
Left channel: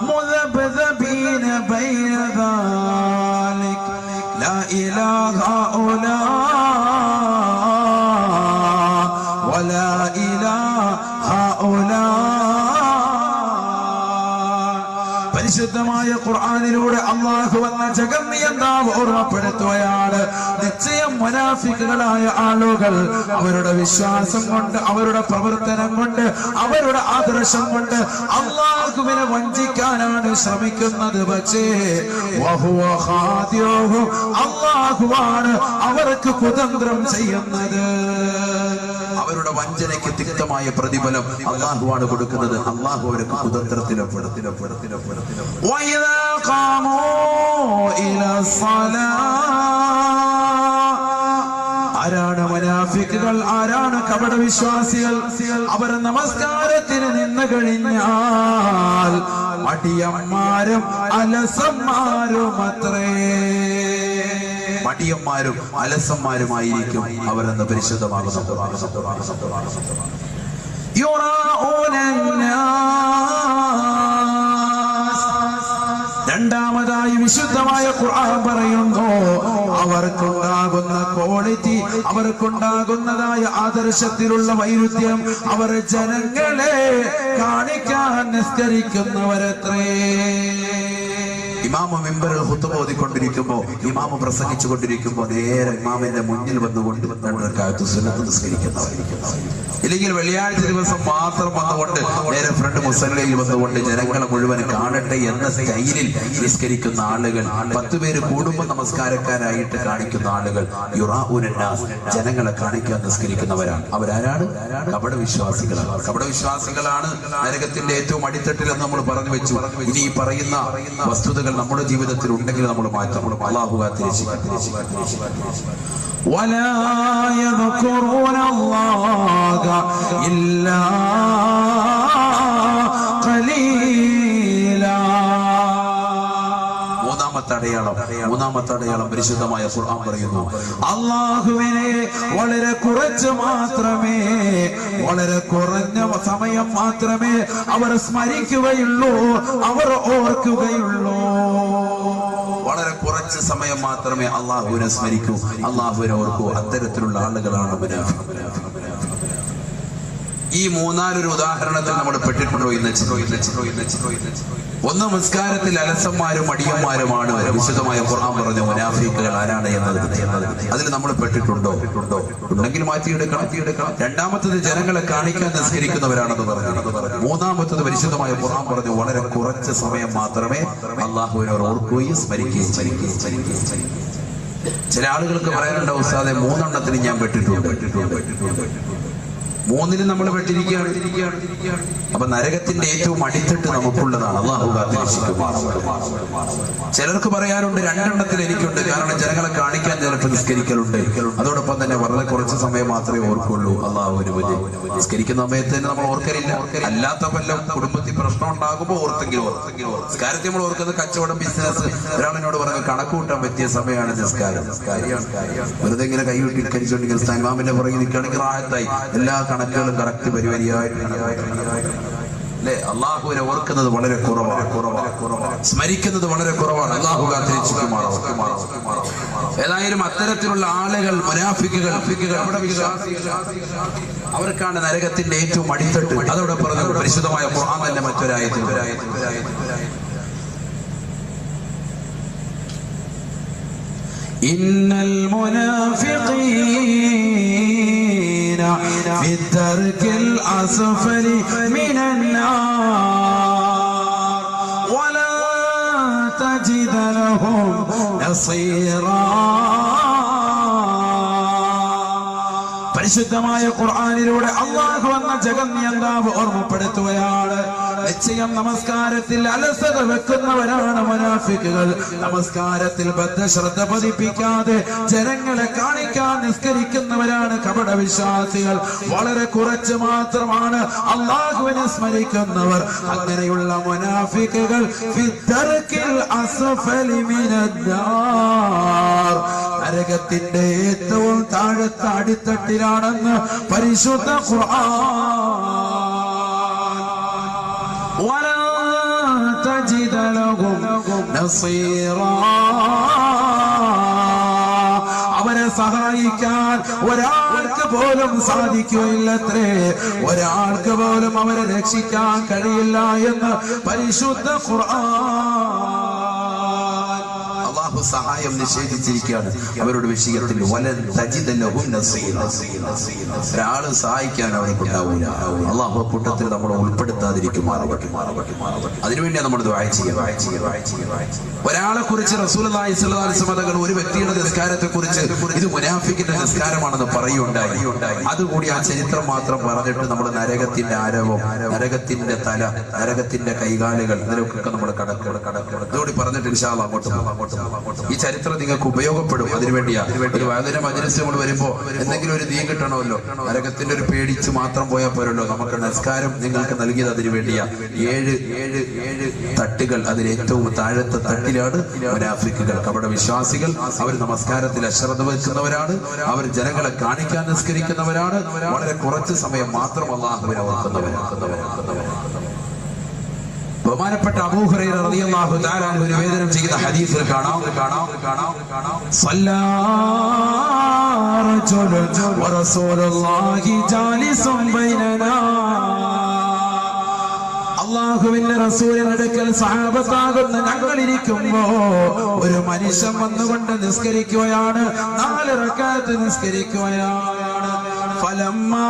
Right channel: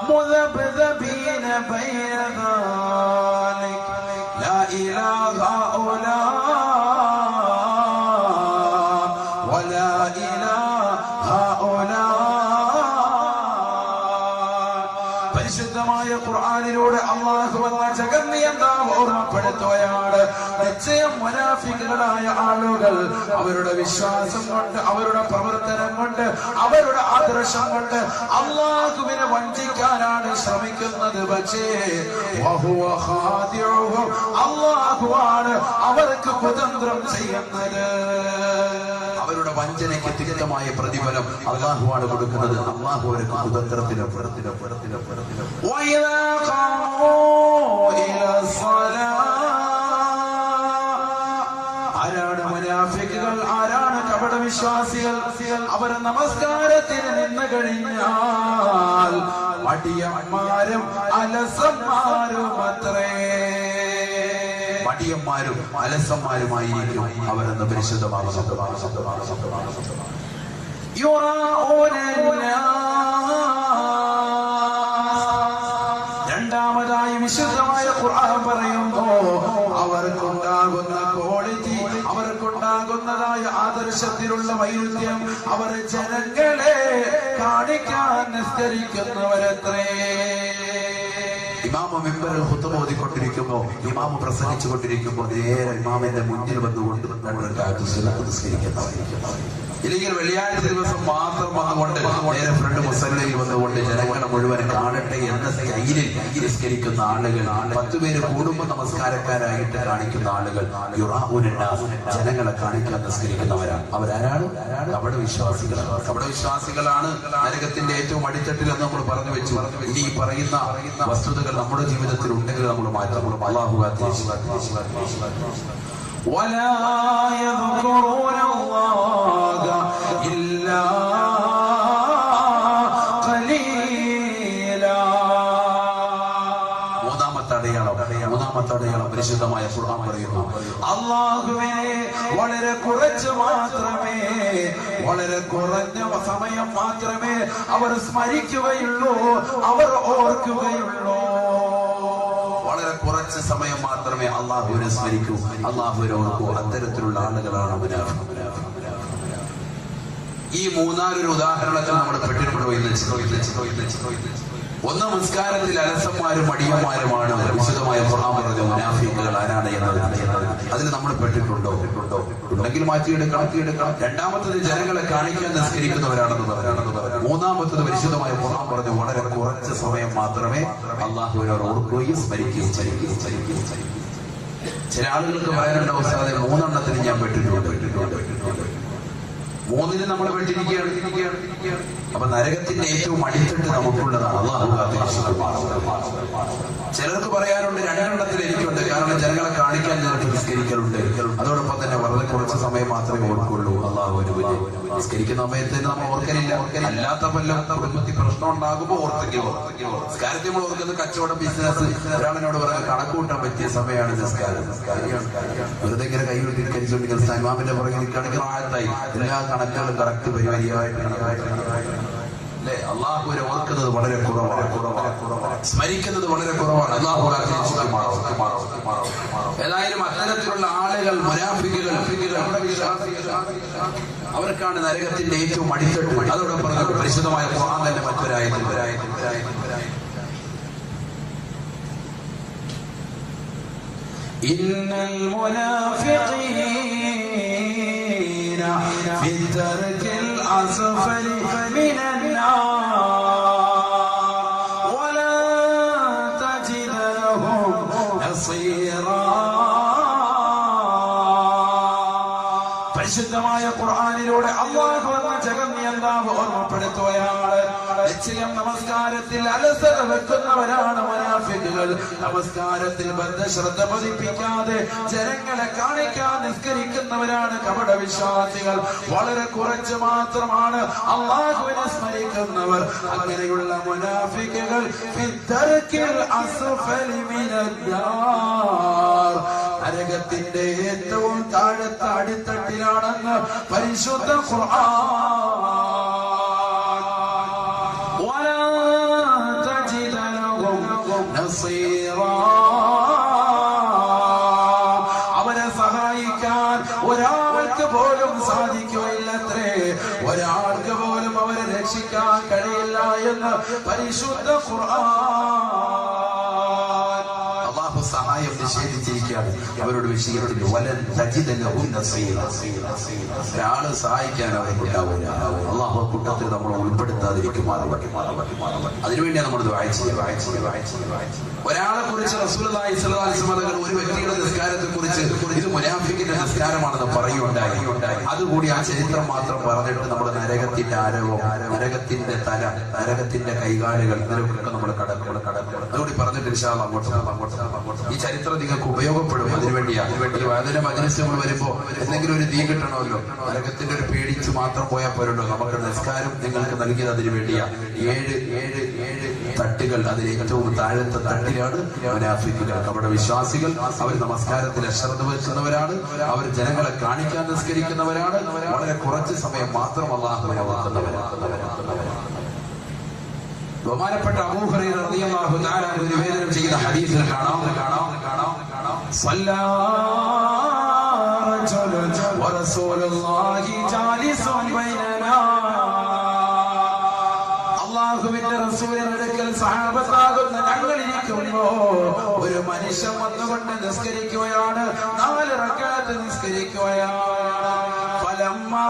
مذبذبين بين ذلك لا إله هؤلاء ولا إله هؤلاء. പരിശുദ്ധമായ ഖുർആനിലൂടെ അല്ലാഹു വന്ന ജഗന്നിയന്താവ് ഓർമ്മപ്പെടുത്തുകയാണ്. നിശ്ചയം മുനാഫിക്കുകളായ ആളുകൾ അവരുടെ വിശ്വാസം കൊണ്ട്, അവരുടെ പ്രവർത്തനം കൊണ്ട്, അവരുടെ ആദർശം കൊണ്ട് അല്ലാഹുവിനെ വഞ്ചിക്കാനാണ് ശ്രമിക്കുന്നത്. പക്ഷേ വഹുവ ഖാദിഉഹും, അല്ലാഹുവാണ് അവർക്ക് കുതന്ത്രം ചെയ്യുന്നത്. അവരുടെ വഞ്ചനയ്ക്ക് തിക്തമായ പ്രതിഫലം അല്ലാഹുവാണ് കൊടുക്കുന്നത്. അല്ലാഹു അവർക്ക് കുതന്ത്രത്തിലും وإذا قاموا إلى الصلاة. ആരാണ് മുനാഫിക്കുകൾ? ആരാണ് കപട വിശ്വാസികൾ? അവർ നമസ്കാരത്തിന് നിന്ന് കഴിഞ്ഞാൽ മടിയന്മാരും അലസന്മാരുമായിരിക്കും അവരെന്ന് പരിശുദ്ധമാകുന്നു. രണ്ടാമതായി വിശുദ്ധമായ ഖുർആൻ പറയുന്നു, അവർക്കുണ്ടാകുന്ന ക്വാളിറ്റി, അവർക്കുണ്ടാകുന്നതായ ആദർശത്തിലുള്ള വൈരുദ്ധ്യം, അവർ ജനങ്ങളെ കാണിക്കാൻ നിസ്കരിക്കുന്നവരത്രേ. ഇമാമ് മിമ്പറിൽ ഖുത്ബ ഓതിക്കൊണ്ടിരിക്കുമ്പോ, ഇമാമ് പ്രസംഗിച്ചു കൊണ്ടിരിക്കുമ്പോ നേരെ ഇമാമിന്റെ മുന്നിൽ വന്നുകൊണ്ട് ഇല്ലെങ്കിൽ വെള്ളിയാഴ്ച ദിവസം മാത്രം വന്നുകൊണ്ട് നേരെ ഫ്രണ്ട് മുസല്ലയിൽ വന്നുകൊണ്ട് ജനങ്ങളെ മുഴുവൻ കാണട്ടെ എന്ന സ്റ്റൈലിൽ നിസ്കരിക്കുന്ന ആളുകൾ, 10 പേര് കൂടുമ്പോൾ നമസ്കാരക്കാരായിട്ട് കാണിക്കുന്ന ആളുകൾ, ജനങ്ങളെ കാണിക്കാൻ നിസ്കരിക്കുന്നവരാണ്. അവരാരാണ്? കപടവിശ്വാസികളാണ് നരകത്തിന്റെ ഏറ്റവും അടിത്തട്ടിൽ എന്ന് നമ്മൾ പറഞ്ഞു വെച്ചു. ഇനി ഈ പറയുന്ന വസ്തുതകൾ നമ്മുടെ ജീവിതത്തിൽ ഉണ്ടെങ്കിൽ നമ്മൾ മാറ്റം. അല്ലാഹു കാത്തിരിച്ചു. ولا يذكرون الله إلا قليلا. മൂന്നാമത്തെ അടയാളം പരിശുദ്ധമായ ഖുർആൻ പറയുന്നു, അല്ലാഹുവിനെ വളരെ കുറച്ച് മാത്രമേ, വളരെ കുറഞ്ഞ സമയം മാത്രമേ അവർ സ്മരിക്കുകയുള്ളൂ, അവർ ഓർക്കുകയുള്ളൂ. വളരെ കുറച്ച് സമയം മാത്രമേ അല്ലാഹുവിനെ സ്മരിക്കൂ, അല്ലാഹുവിനെ ഓർക്കൂ. അത്തരത്തിലുള്ള ആളുകളാണ് മുനാഫിഖ്. ഈ മൂന്നാലൊരു ഉദാഹരണത്തിൽ നമ്മൾ പെട്ടിട്ടുണ്ടോ ഇന്ന്? ഒന്ന്, നമസ്കാരത്തിൽ അലസന്മാരും അടിയന്മാരുമാണ് വിശുദ്ധമായ ഖുർആൻ പറഞ്ഞു മുനാഫിക്കുകൾ ആരാണ് എന്നത്. അതിൽ നമ്മൾ പെട്ടിട്ടുണ്ടോ? ഉണ്ടെങ്കിൽ മാറ്റിയെടുക്കണം. രണ്ടാമത്തത്, ജനങ്ങളെ കാണിക്കാൻ നിസ്കരിക്കുന്നവരാണെന്ന് പറഞ്ഞു. മൂന്നാമത്തത്, പരിശുദ്ധമായ ഖുർആൻ പറഞ്ഞു വളരെ കുറച്ച് സമയം മാത്രമേ അള്ളാഹുവിനോട് ഓർക്കുകയും സ്മരിക്കുകയും ചെയ്യുകയും. ചില ആളുകൾക്ക് പറയാനുണ്ടോ, ഉസ്താദെ 3 എണ്ണത്തിന് ഞാൻ പെട്ടിട്ടുണ്ട്. 3-ന് നമ്മൾ പെട്ടിരിക്കുകയാണ്. അപ്പൊ നരകത്തിന്റെ ഏറ്റവും അടിത്തട്ട് നമുക്കുള്ളതാണ്. അല്ലാഹു കാത്തിരക്ഷിക്കുമാറാകട്ടെ. ചിലർക്ക് പറയാനുണ്ട് 2 എണ്ണത്തിൽ എനിക്കുണ്ട്. കാരണം ജനങ്ങളെ കാണിക്കാൻ ചിലപ്പോൾ നിസ്കരിക്കലുണ്ട്. അതോടൊപ്പം തന്നെ വളരെ കുറച്ച് സമയം മാത്രമേ ഓർക്കുള്ളൂ. അള്ളാഹു നിസ്കരിക്കുന്ന സമയത്ത് നമ്മൾ ഓർക്കലില്ല. അല്ലാത്ത വല്ല കുടുംബത്തിൽ പ്രശ്നം ഉണ്ടാകുമ്പോൾ ഓർത്തെങ്കിലും നിസ്കാരത്തിൽ നമ്മൾ ഓർക്കുന്നത് കച്ചവടം, ബിസിനസ്. ഒരാളിനോട് പറഞ്ഞ കണക്ക് കൂട്ടാൻ പറ്റിയ സമയമാണ് നിസ്കാരം. വെറുതെ ഇങ്ങനെ കൈ വിട്ടിരിച്ചുകൊണ്ടിരിക്കുന്ന ഇമാമിന്റെ പുറകെ നിൽക്കുകയാണെങ്കിൽ ആയത്തായി എല്ലാ കണക്കുകളും കറക്റ്റ് പരിപാടിയായിട്ട് അല്ലെ. അള്ളാഹുവിനെ ഓർക്കുന്നത് വളരെ കുറവാണ്, സ്മരിക്കുന്നത് വളരെ കുറവാണ്. അള്ളാഹു കാത്തിരക്ഷിക്കുമാറാകട്ടെ. ഏതായാലും അത്തരത്തിലുള്ള ആളുകൾ, മുനാഫിക്കുകൾ, അവർക്കാണ് നരകത്തിന്റെ ഏറ്റവും അടിത്തട്ട്. അതോടെ പറഞ്ഞത് പരിശുദ്ധമായ ഖുർആൻ തന്നെ മറ്റൊരായത്തിൽ ഇന്നൽ മുനാഫിഖീന ഫി ദർകിൽ അസ്ഫലി മിനൻ നാർ വലാ തജിദ ലഹും നസീറാ. പരിശുദ്ധമായ ഖുർആനിലൂടെ അല്ലാഹു എന്ന ജഗന്നിയന്താവ് ഓർമ്മപ്പെടുത്തുകയാണ്. നിശ്ചയം നമസ്കാരത്തിൽ അലസത വെക്കുന്നവരാണ് മുനാഫിക്കുകൾ. നമസ്കാരത്തിൽ ബദ്ധശ്രദ്ധ പതിപ്പിക്കാതെ ജനങ്ങളെ കാണിക്കാൻ നിസ്കരിക്കുന്നവരാണ് കപട വിശ്വാസികൾ. വളരെ കുറച്ച് മാത്രമാണ് അല്ലാഹുവിനെ സ്മരിക്കുന്നവർ. അങ്ങനെയുള്ള മുനാഫിക്കുകൾ ഫിദ്ദർകിൽ അസ്ഫലി മിനന്നാർ, നരകത്തിന്റെ ഏറ്റവും താഴത്തെ അടിത്തട്ടിലാണെന്ന് പരിശുദ്ധ ഖുർആൻ. അവരെ സഹായിക്കാൻ ഒരാൾക്ക് പോലും സാധിക്കുകയില്ലത്രേ. ഒരാൾക്ക് പോലും അവരെ രക്ഷിക്കാൻ കഴിയില്ല എന്ന് പരിശുദ്ധ ഖുർആൻ. അള്ളാഹു സഹായം നിഷേധിച്ചിരിക്കുകയാണ് അവരുടെ വിഷയത്തിൽ. വലൻ തജിദ ലഹും നസീറ, ഒരാള് സഹായിക്കാൻ അവർക്ക് ഉണ്ടാവില്ല. അള്ളാഹു കൂട്ടത്തിൽ നമ്മൾ ഉൾപ്പെടുത്താതിരിക്കുമാറാകട്ടെ. അതിനുവേണ്ടിയാണ് നമ്മൾ ദുആ ചെയ്യുക. ഒരാളെ കുറിച്ച് റസൂലുള്ളാഹി സ്വല്ലല്ലാഹു അലൈഹി വസല്ലം ഒരു വ്യക്തിയുടെ നിസ്കാരത്തെ കുറിച്ച് ഇത് മുനാഫിക്കിന്റെ നിസ്കാരമാണെന്ന് പറയുകയുണ്ടായി. അതുകൂടി ആ ചരിത്രം മാത്രം പറഞ്ഞിട്ട് നമ്മൾ നരകത്തിന്റെ ആരവം, നരകത്തിന്റെ തല, നരകത്തിന്റെ കൈകാലുകൾ, ഇതിലൊക്കെ നമ്മൾ അതോടി പറഞ്ഞിട്ട് ഇൻഷാ അല്ലാഹ് അങ്ങോട്ട് ഈ ചരിത്രം നിങ്ങൾക്ക് ഉപയോഗപ്പെടും. അതിനുവേണ്ടിയാണ് ഒരു വേദന മജ്‌ലിസ് നമ്മൾ വരുമ്പോ എന്തെങ്കിലും ഒരു ദീ കിട്ടണമല്ലോ. നരകത്തിന്റെ ഒരു പേടിച്ച് മാത്രം പോയാൽ പോരല്ലോ. നമുക്ക് നിസ്കാരം നിങ്ങൾക്ക് നൽകിയത് അതിനു വേണ്ടിയാണ്. 7 തട്ടുകൾ. അതിൽ ഏറ്റവും താഴത്തെ തട്ടിലാണ് മുനാഫിക്കുകൾ, കപട വിശ്വാസികൾ. അവർ നമസ്കാരത്തിൽ അശ്രദ്ധ വെക്കുന്നവരാണ്. അവർ ജനങ്ങളെ കാണിക്കാൻ നിസ്കരിക്കുന്നവരാണ്. വളരെ കുറച്ച് സമയം മാത്രം അല്ലാഹുവിനെ ഓർക്കുന്നവരാണ്. ബഹുമാനപ്പെട്ട അബൂ ഹുറൈറ റളിയല്ലാഹു തആല അൻഹു നിവേദനം ചെയ്ത ഹദീസിൽ കാണാം സല്ലല്ലാ റജുലുൻ വറസൂലുള്ളാഹി ജാലിസുൻ ബൈനനാ. അല്ലാഹുവിന്റെ റസൂലിന്റെ അടുക്കൽ സഹാബത്താകുന്ന ഞങ്ങൾ ഇരിക്കുമ്പോ ഒരു മനുഷ്യൻ വന്നുകൊണ്ട് നിസ്കരിക്കുകയാണ്. 4 റക്അത്ത് നിസ്കരിക്കുകയാണ്. ഫലമ്മാ,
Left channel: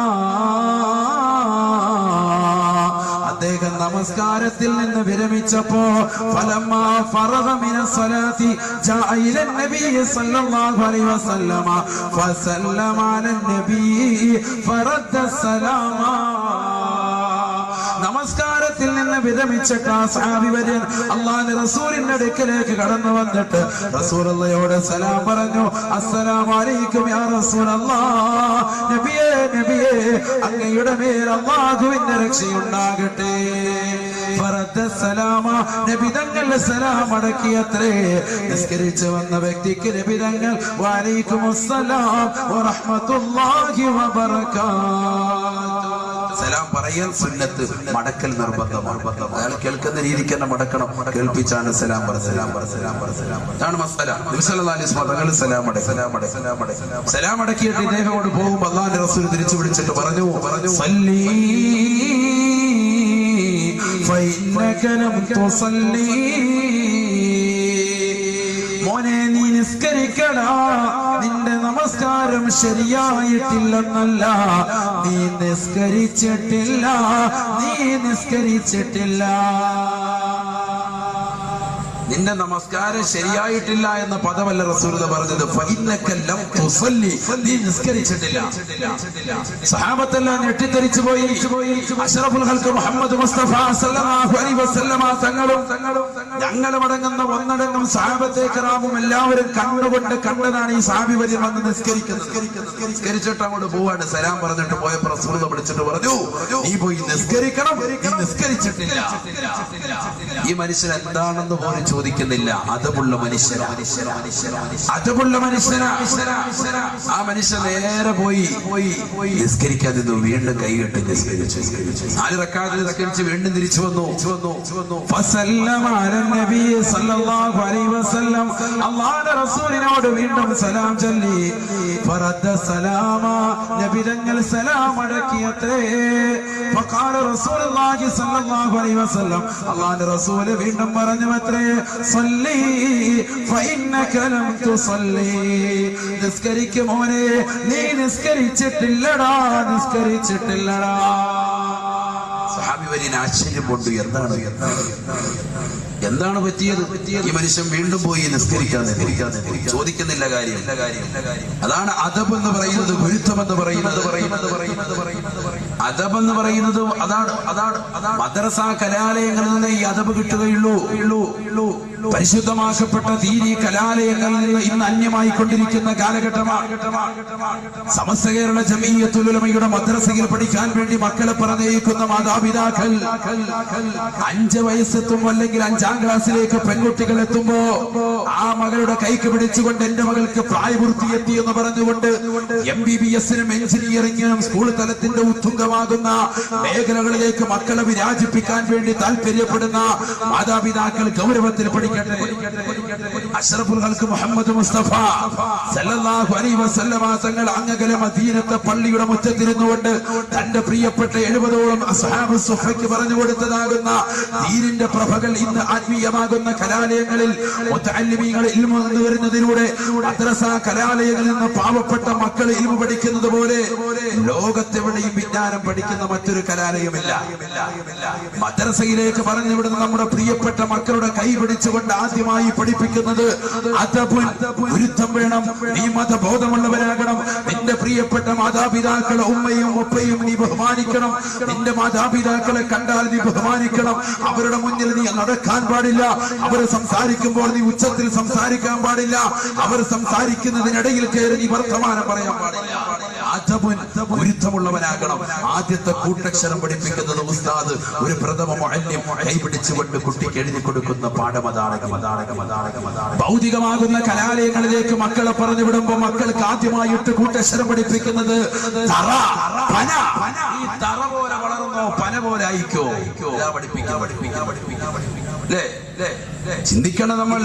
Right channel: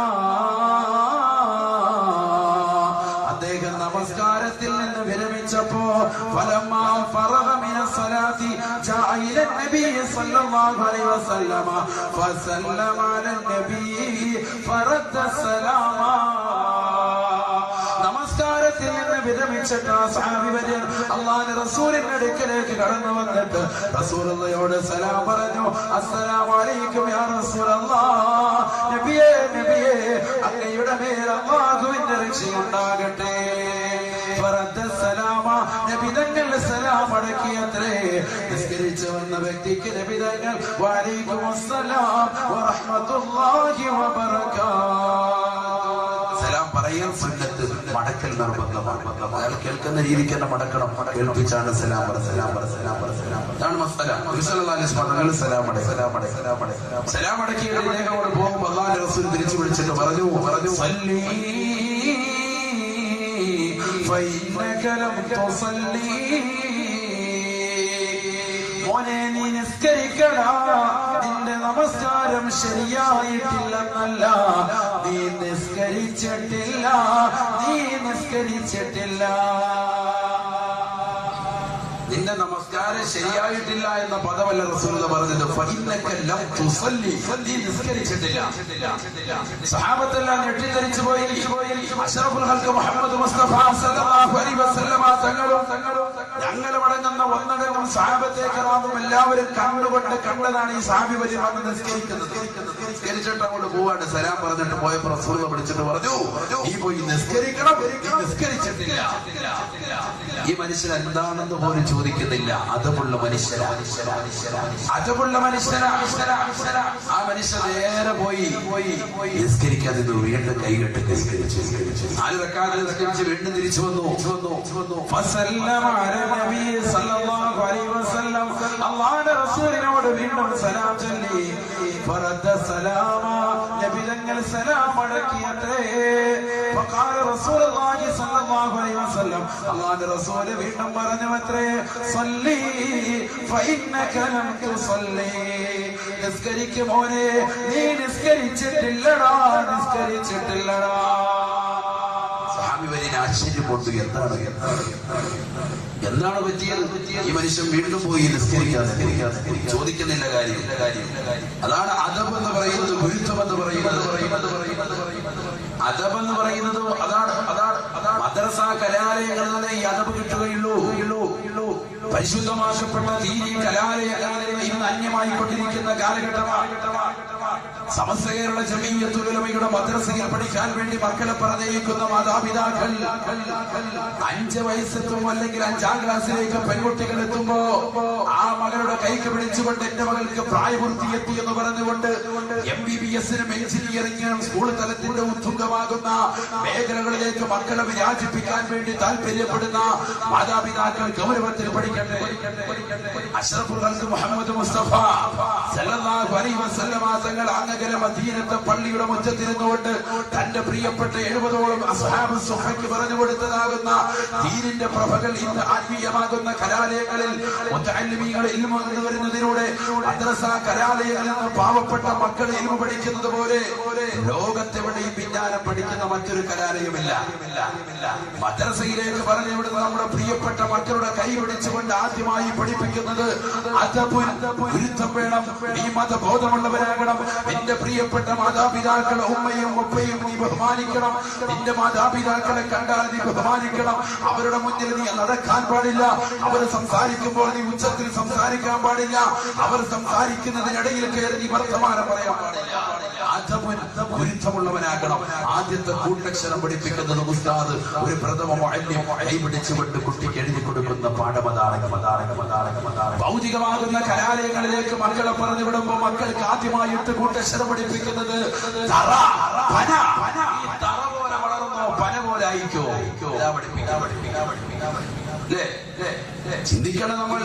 അദ്ദേഹം നമസ്കാരത്തിൽ നിന്ന് വിരമിച്ചപ്പോ ഫലമ്മാ ഫറഗ മിനസ് സ്വലാത്തി ജാഅ ഇല നബി സല്ലല്ലാഹു അലൈഹി വസല്ലമ ഫസല്ലമ അലൻ നബി ഫറദ്ദ സലാമ. നമസ്കാരത്തിൽ നിന്ന് വിരമിച്ചിട്ട് ആ സഹാബി വര്യൻ അല്ലാഹുവിന്റെ റസൂലിന്റെ അടുക്കലേക്ക് കടന്നു വന്നിട്ട് റസൂലുള്ളാഹിയോട് സലാം പറഞ്ഞു. അസ്സലാമു അലൈക്കും യാ റസൂലല്ലാഹ്, നബിയേ നബിയേ, അങ്ങയുടെ മേൽ അല്ലാഹുവിന്റെ രക്ഷയുണ്ടാകട്ടെ. ഫറദ്ദ സലാമ, നബി തങ്ങൾ സലാം അടക്കിയത്രേ. നിസ്കരിച്ചു വന്ന വ്യക്തിക്ക് നബി തങ്ങൾ വഅലൈക്കുമുസ്സലാം വറഹ്മത്തുള്ളാഹി വബറകാതുഹു സലാം പറയാൻ സുന്നത്ത്, മടക്കൽ നിർബന്ധമാണ്. അയാൾ കേൾക്കുന്ന രീതിക്ക് തന്നെ മടക്കണം. കേൾപ്പിച്ചാണ് സലാം പറ. അതാണ് മസ്അല. നബി സല്ലല്ലാഹു അലൈഹി വസല്ലം തങ്ങൾ സലാം അടക്കിയിട്ട് ഇദ്ദേഹത്തോട് പോകുമ്പോൾ അല്ലാഹുവിന്റെ റസൂൽ തിരിച്ചു വിളിച്ചിട്ട് പറഞ്ഞു സല്ലി ഫഇന്നക ലം തുസല്ലി, മോനെ നീ നിസ്കരിക്കടാ, നിന്റെ നമസ്കാരം ശരിയായിട്ടില്ലെന്നല്ല, നീ നിസ്കരിച്ചിട്ടില്ല. നിന്റെ നമസ്കാരം ശരിയായിട്ടില്ല എന്ന പദമല്ല റസൂലുള്ളാഹി പറഞ്ഞത്. ഫഇന്നക ലം തുസല്ലി, നീ നിസ്കരിച്ചിട്ടില്ല. സഹാബത്തെല്ലാം ഞെട്ടിത്തെറിച്ചു പോയി. അഷ്റഫുൽ ഖൽഖ് മുഹമ്മദ് മുസ്തഫ സല്ലല്ലാഹു അലൈഹി വസല്ലമ തങ്ങളും ഞങ്ങളും അടങ്ങുന്ന ഒന്നടങ്കം സഹാബത്തെ കിറാമും എല്ലാവരും കണ്ടതാണ് ഈ സഹാബി വരി വന്ന് നിസ്കരിക്കുന്നത്. നിസ്കരിച്ചിട്ട് അങ്ങോട്ട് പോവാണ്. സലാം പറഞ്ഞിട്ട് പോയപ്പോൾ റസൂലുള്ളാഹി വിളിച്ചിട്ട് പറഞ്ഞു നീ പോയി നിസ്കരിക്കണം, നീ നിസ്കരിച്ചിട്ടില്ല. ഈ മനുഷ്യൻ എന്താണെന്ന് പോലും ചോദിക്കുന്നില്ല. അതമുള്ള മനുഷ്യനാ. ആ മനുഷ്യൻ നേരെ പോയി നിസ്കരിക്കാൻ നിന്നു. വീണ്ടും കൈകെട്ട് നിസ്കരിച്ചു. 4 റക്അത്ത് നിസ്കരിച്ച് വീണ്ടും തിരിച്ചു വന്നു. അല്ലാഹുവിന്റെ റസൂലിനോട് വീണ്ടും സലാം ചൊല്ലി. നബി തങ്ങൾ സലാം അടക്കിയത്രേ. അല്ലാഹുവിന്റെ റസൂൽ വീണ്ടും പറഞ്ഞു അത്രേ സല്ലി ഫഇന്നക ലം തുസല്ലി, നിസ്കരിക്കും മോനെ, നീ നിസ്കരിച്ചിട്ടില്ലടാ. സഹാബി വരിന് ആശ്ചര്യം കൊണ്ട് എന്താണ് പറ്റിയത്? ഈ മനുഷ്യൻ വീണ്ടും പോയി നിസ്കരിക്കാതെ ചോദിക്കുന്നില്ല കാര്യം. അതാണ് അദബ് എന്ന് പറയുന്നത്, ഗുരുത്വം എന്ന് പറയുന്നത്. അദബ് എന്ന് പറയുന്നത് അതാണ്. മദ്രസ കലാലയങ്ങളിൽ നിന്ന് ഈ അദബ് കിട്ടുകയുള്ളൂ. പരിശുദ്ധമാക്കപ്പെട്ട ദീനി കലാലയങ്ങളിൽ നിന്ന് ഇന്ന് അന്യമായി കൊണ്ടിരിക്കുന്ന കാലഘട്ടമാണ്. സമസ്ത കേരള ജമീയത്തുൽ ഉലമയുടെ മദ്രസയിൽ പഠിക്കാൻ വേണ്ടി മക്കളെ പറഞ്ഞേക്കുന്ന മാതാപിതാക്കൾ 5 വയസ്സെത്തും അല്ലെങ്കിൽ 5ാം ക്ലാസ്സിലേക്ക് പെൺകുട്ടികൾ എത്തുമ്പോ ആ മകളുടെ കൈക്ക് പിടിച്ചുകൊണ്ട് എന്റെ മകൾക്ക് പ്രായപൂർത്തിയെത്തി എന്ന് പറഞ്ഞുകൊണ്ട് MBBS-നും എഞ്ചിനീയറിംഗിനും സ്കൂൾ തലത്തിന്റെ ഉത്തുംഗമാകുന്ന മേഖലകളിലേക്ക് മക്കളെ വിരാജിപ്പിക്കാൻ വേണ്ടി താല്പര്യപ്പെടുന്ന മാതാപിതാക്കൾ ഗൗരവത്തിൽ പഠിക്കട്ടെ. അഷ്റഫുൽ ഖൽഖ് മുഹമ്മദ് മുസ്തഫ സല്ലല്ലാഹു അലൈഹി വസല്ലമ തങ്ങൾ അങ്ങകലെ മദീനത്തെ പള്ളിയുടെ മുറ്റത്തിരുന്നുകൊണ്ട് തന്റെ പ്രിയപ്പെട്ട 70ഓളം അസ്ഹാബ് സുഫയ്ക്ക് പറഞ്ഞു കൊടുത്തതാകുന്ന ദീനിന്റെ പ്രഭകൾ ഇന്ന് ആത്മീയമാകുന്ന കലാലയങ്ങളിൽ മുതഅല്ലിമീങ്ങൾ ഇൽമു നേടുന്നതിലൂടെ മദ്രസ കലാലയങ്ങളിൽ നിന്ന് പാവപ്പെട്ട മക്കൾ ഇൽമു പഠിക്കുന്നത് പോലെ ലോകത്തെവിടെയും വിജ്ഞാനം പഠിക്കുന്ന മറ്റൊരു കലാലയമില്ല. മദ്രസയിലേക്ക് പറഞ്ഞുവിടുന്ന നമ്മുടെ പ്രിയപ്പെട്ട മക്കളുടെ കൈ പിടിച്ചുകൊണ്ട് ആദ്യമായി പഠിപ്പിക്കുന്നത് ഗുരുത്വം വേണം. നീ മതബോധമുള്ളവരാകണം. നിന്റെ പ്രിയപ്പെട്ട മാതാപിതാക്കളെ ഉമ്മയും ഉപ്പയും നീ ബഹുമാനിക്കണം. നിന്റെ മാതാപിതാക്കളെ കണ്ടാൽ നീ ബഹുമാനിക്കണം. അവരുടെ മുന്നിൽ നീ നടക്കാൻ പാടില്ല. അവർ സംസാരിക്കുമ്പോൾ നീ ഉച്ചത്തിൽ സംസാരിക്കാൻ പാടില്ല. അവർ സംസാരിക്കുന്നതിനിടയിൽ കയറി നീ വർത്തമാനം പറയാൻ പാടില്ല. ഗുരുത്വമുള്ളവനാകണം. ആദ്യത്തെ കൂട്ടക്ഷരം പഠിപ്പിക്കുന്നത് ഉസ്താദ് ഒരു പ്രഥമ മുഅല്ലിം കൈപിടിച്ചുകൊണ്ട് കുട്ടിക്ക് എഴുതി കൊടുക്കുന്ന പാഠമതാണ്. ഭൗതികമാകുന്ന കലാലയങ്ങളിലേക്ക് മക്കളെ പറഞ്ഞു വിടുമ്പോൾ മക്കൾക്ക് ആദ്യമായിട്ട് കൂട്ടക്ഷരം പഠിപ്പിക്കുന്നത് തറ, പന. ഈ തറ പോലെ വളർന്നോ പന പോലെ ആയിക്കോ ചിന്തിക്കണം നമ്മൾ.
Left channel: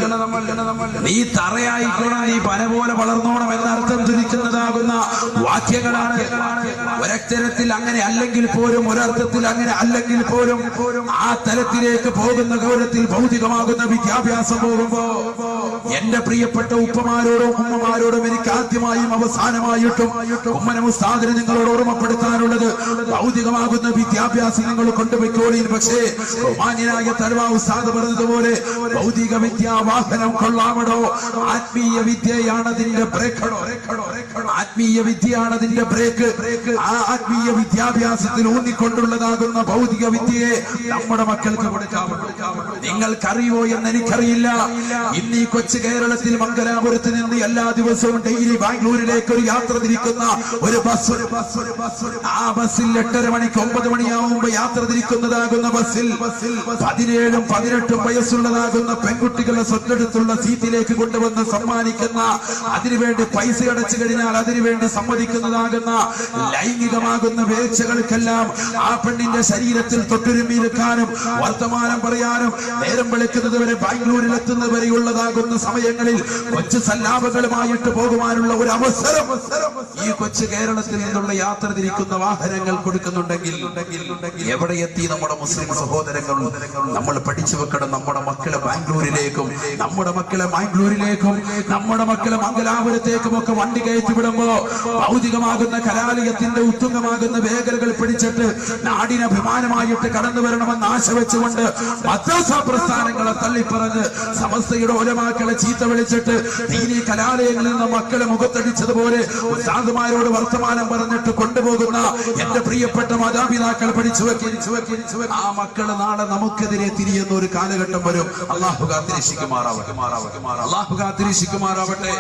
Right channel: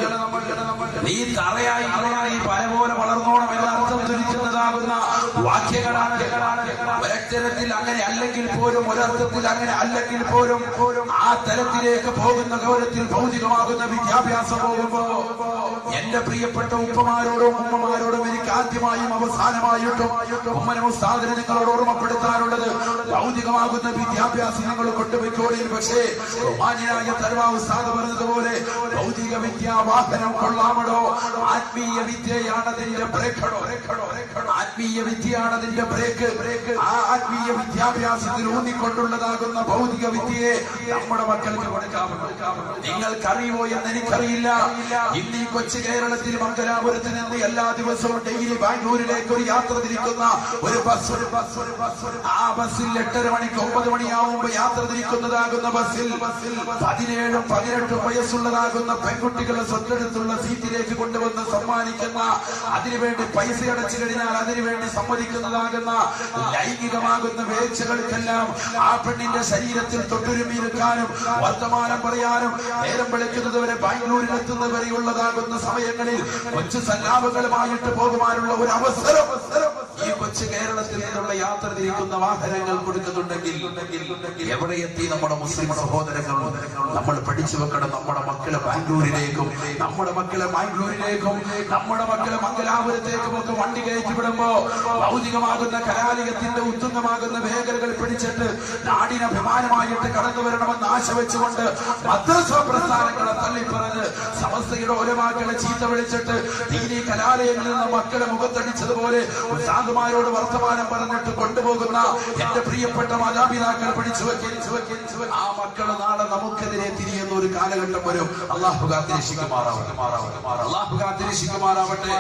നീ തറയായിക്കോണം, നീ പന പോലെ വളർന്നോണം എന്ന അർത്ഥം ധരിക്കുന്നതാകുന്ന വാക്യങ്ങളാണ്. ഒരക്ഷരത്തിൽ അങ്ങനെ അല്ലെങ്കിൽ പോലും, ഒരർത്ഥത്തിൽ അങ്ങനെ അല്ലെങ്കിൽ പോലും ആ തലത്തിലേക്ക് പോകുന്ന ഗൗരവത്തിൽ ഭൗതികമാകുന്ന വിദ്യാഭ്യാസം പോകുമ്പോ എന്റെ പ്രിയപ്പെട്ട ഉപ്പമാരോടും ഉമ്മമാരോടും എനിക്ക് ആദ്യമായും അവസാനമായിട്ടും ഉമ്മനും ഉസ്താദിനെ നിങ്ങളോട് ഓർമ്മപ്പെടുത്താനുള്ളത് ഭൗതികമാകുന്ന വിദ്യാഭ്യാസം നിങ്ങൾ കൊണ്ടുപോയിക്കോളിൽ. പക്ഷേ മാന്യനായ തരുവാ ഉസ്താദ് പറഞ്ഞതുപോലെ ഭൗതിക വിദ്യാവാഹനം കൊള്ളാമടോ, ആത്മീയ വിദ്യയാണ് അതിന്റെ ബ്രേക്കടോ. ആത്മീയ വിദ്യയാണ് അതിന്റെ ബ്രേക്ക്. ആ ആത്മീയ വിദ്യാഭ്യാസത്തിൽ ഊന്നിക്കൊണ്ടുള്ളതാകുന്ന ഭൗതിക വിദ്യയെ നമ്മുടെ മക്കൾക്ക് കൊടുക്കാമോ? നിങ്ങൾക്കറിയോ എന്ന് എനിക്കറിയില്ല. ഇന്ന് ഈ കൊച്ചു കേരളത്തിൽ മംഗലാപുരത്ത് നിന്ന് എല്ലാ ദിവസവും ഡെയിലി ബാംഗ്ലൂരിലേക്ക് ഒരു യാത്ര തിരിക്കുന്ന ഒരു ബസ്. ആ ബസ്സിൽ 8:30 മണിക്ക് 9 മണിയാവുമ്പോ യാത്ര തിരിക്കുന്നതാകുന്ന ബസ്സിൽ 17ഉം 18ഉം വയസ്സുള്ളതാകുന്ന പെൺകുട്ടികളെ സ്വത്തെടുത്തുള്ള സീറ്റിലേക്ക് കൊണ്ടുവന്ന് സമ്മാനിക്കുന്ന, അതിനുവേണ്ടി പൈസ അടച്ചു കഴിഞ്ഞാൽ അതിന് അളവിന് വേണ്ടി സമ്മതിക്കുന്നതാകുന്ന ലൈംഗികമാകുന്ന വേഴ്ചകൾക്കെല്ലാം ആ പെണ്ണിന്റെ ശരീരത്തിൽ തൊട്ടുരുമ്മിയിരിക്കാനും വർത്തമാനം പറയാനും നേരം വെളുക്കുന്നത് വരെ ബാംഗ്ലൂരിൽ എത്തുന്നവരെയുള്ളതാകുന്ന സമയങ്ങളിൽ കൊച്ചു സല്ലാപങ്ങളുമായിട്ട് പോകുവാനുള്ള ഒരു അവസരം ഈ കൊച്ചു കേരളത്തിൽ നിന്നുള്ള യാത്ര തിരിക്കുന്ന വാഹനങ്ങൾ കൊടുക്കുന്നുണ്ടെങ്കിൽ എവിടെ എത്തി നമ്മുടെ മുസ്ലിം സഹോദരങ്ങൾ? നമ്മൾ പഠിച്ചു വെക്കണം. നമ്മുടെ മക്കളെ ബാംഗ്ലൂരിലേക്കും നമ്മുടെ മക്കളെ മാംഗ്ലൂരിലേക്കും നമ്മുടെ മക്കളെ മംഗലാപുരത്തേക്കും ഒക്കെ വണ്ടി കയറ്റി വിടുമ്പോ ഭൗതികമാകുന്ന കലാലയത്തിന്റെ ഉത്തുംഗമാകുന്ന മേഖലകൾ പിടിച്ചിട്ട് നാടിന് അഭിമാനമായിട്ട് കടന്നു വരണമെന്ന് ആശ വെച്ചുകൊണ്ട് മദ്രസ പ്രസ്ഥാനങ്ങളെ തള്ളിപ്പറഞ്ഞ് സമസ്തയുടെ ഒലമാക്കളെ ചീത്ത വിളിച്ചിട്ട് ദീനീ കലാലയങ്ങളിൽ നിന്ന് മക്കളെ മുഖത്തടിച്ചതുപോലെ സാധുമാരോട് വർത്തമാനം പറഞ്ഞിട്ട് കൊണ്ടുപോകുന്ന എന്റെ പ്രിയപ്പെട്ട മാതാപിതാക്കൾ പഠിച്ചു വെക്കി ആ മക്കള് നാളെ നമുക്കെതിരെ തിരിയുന്ന ഒരു കാലഘട്ടം വരും. അള്ളാഹു കാത്തിരക്ഷിക്കുമാറാവട്ടെ.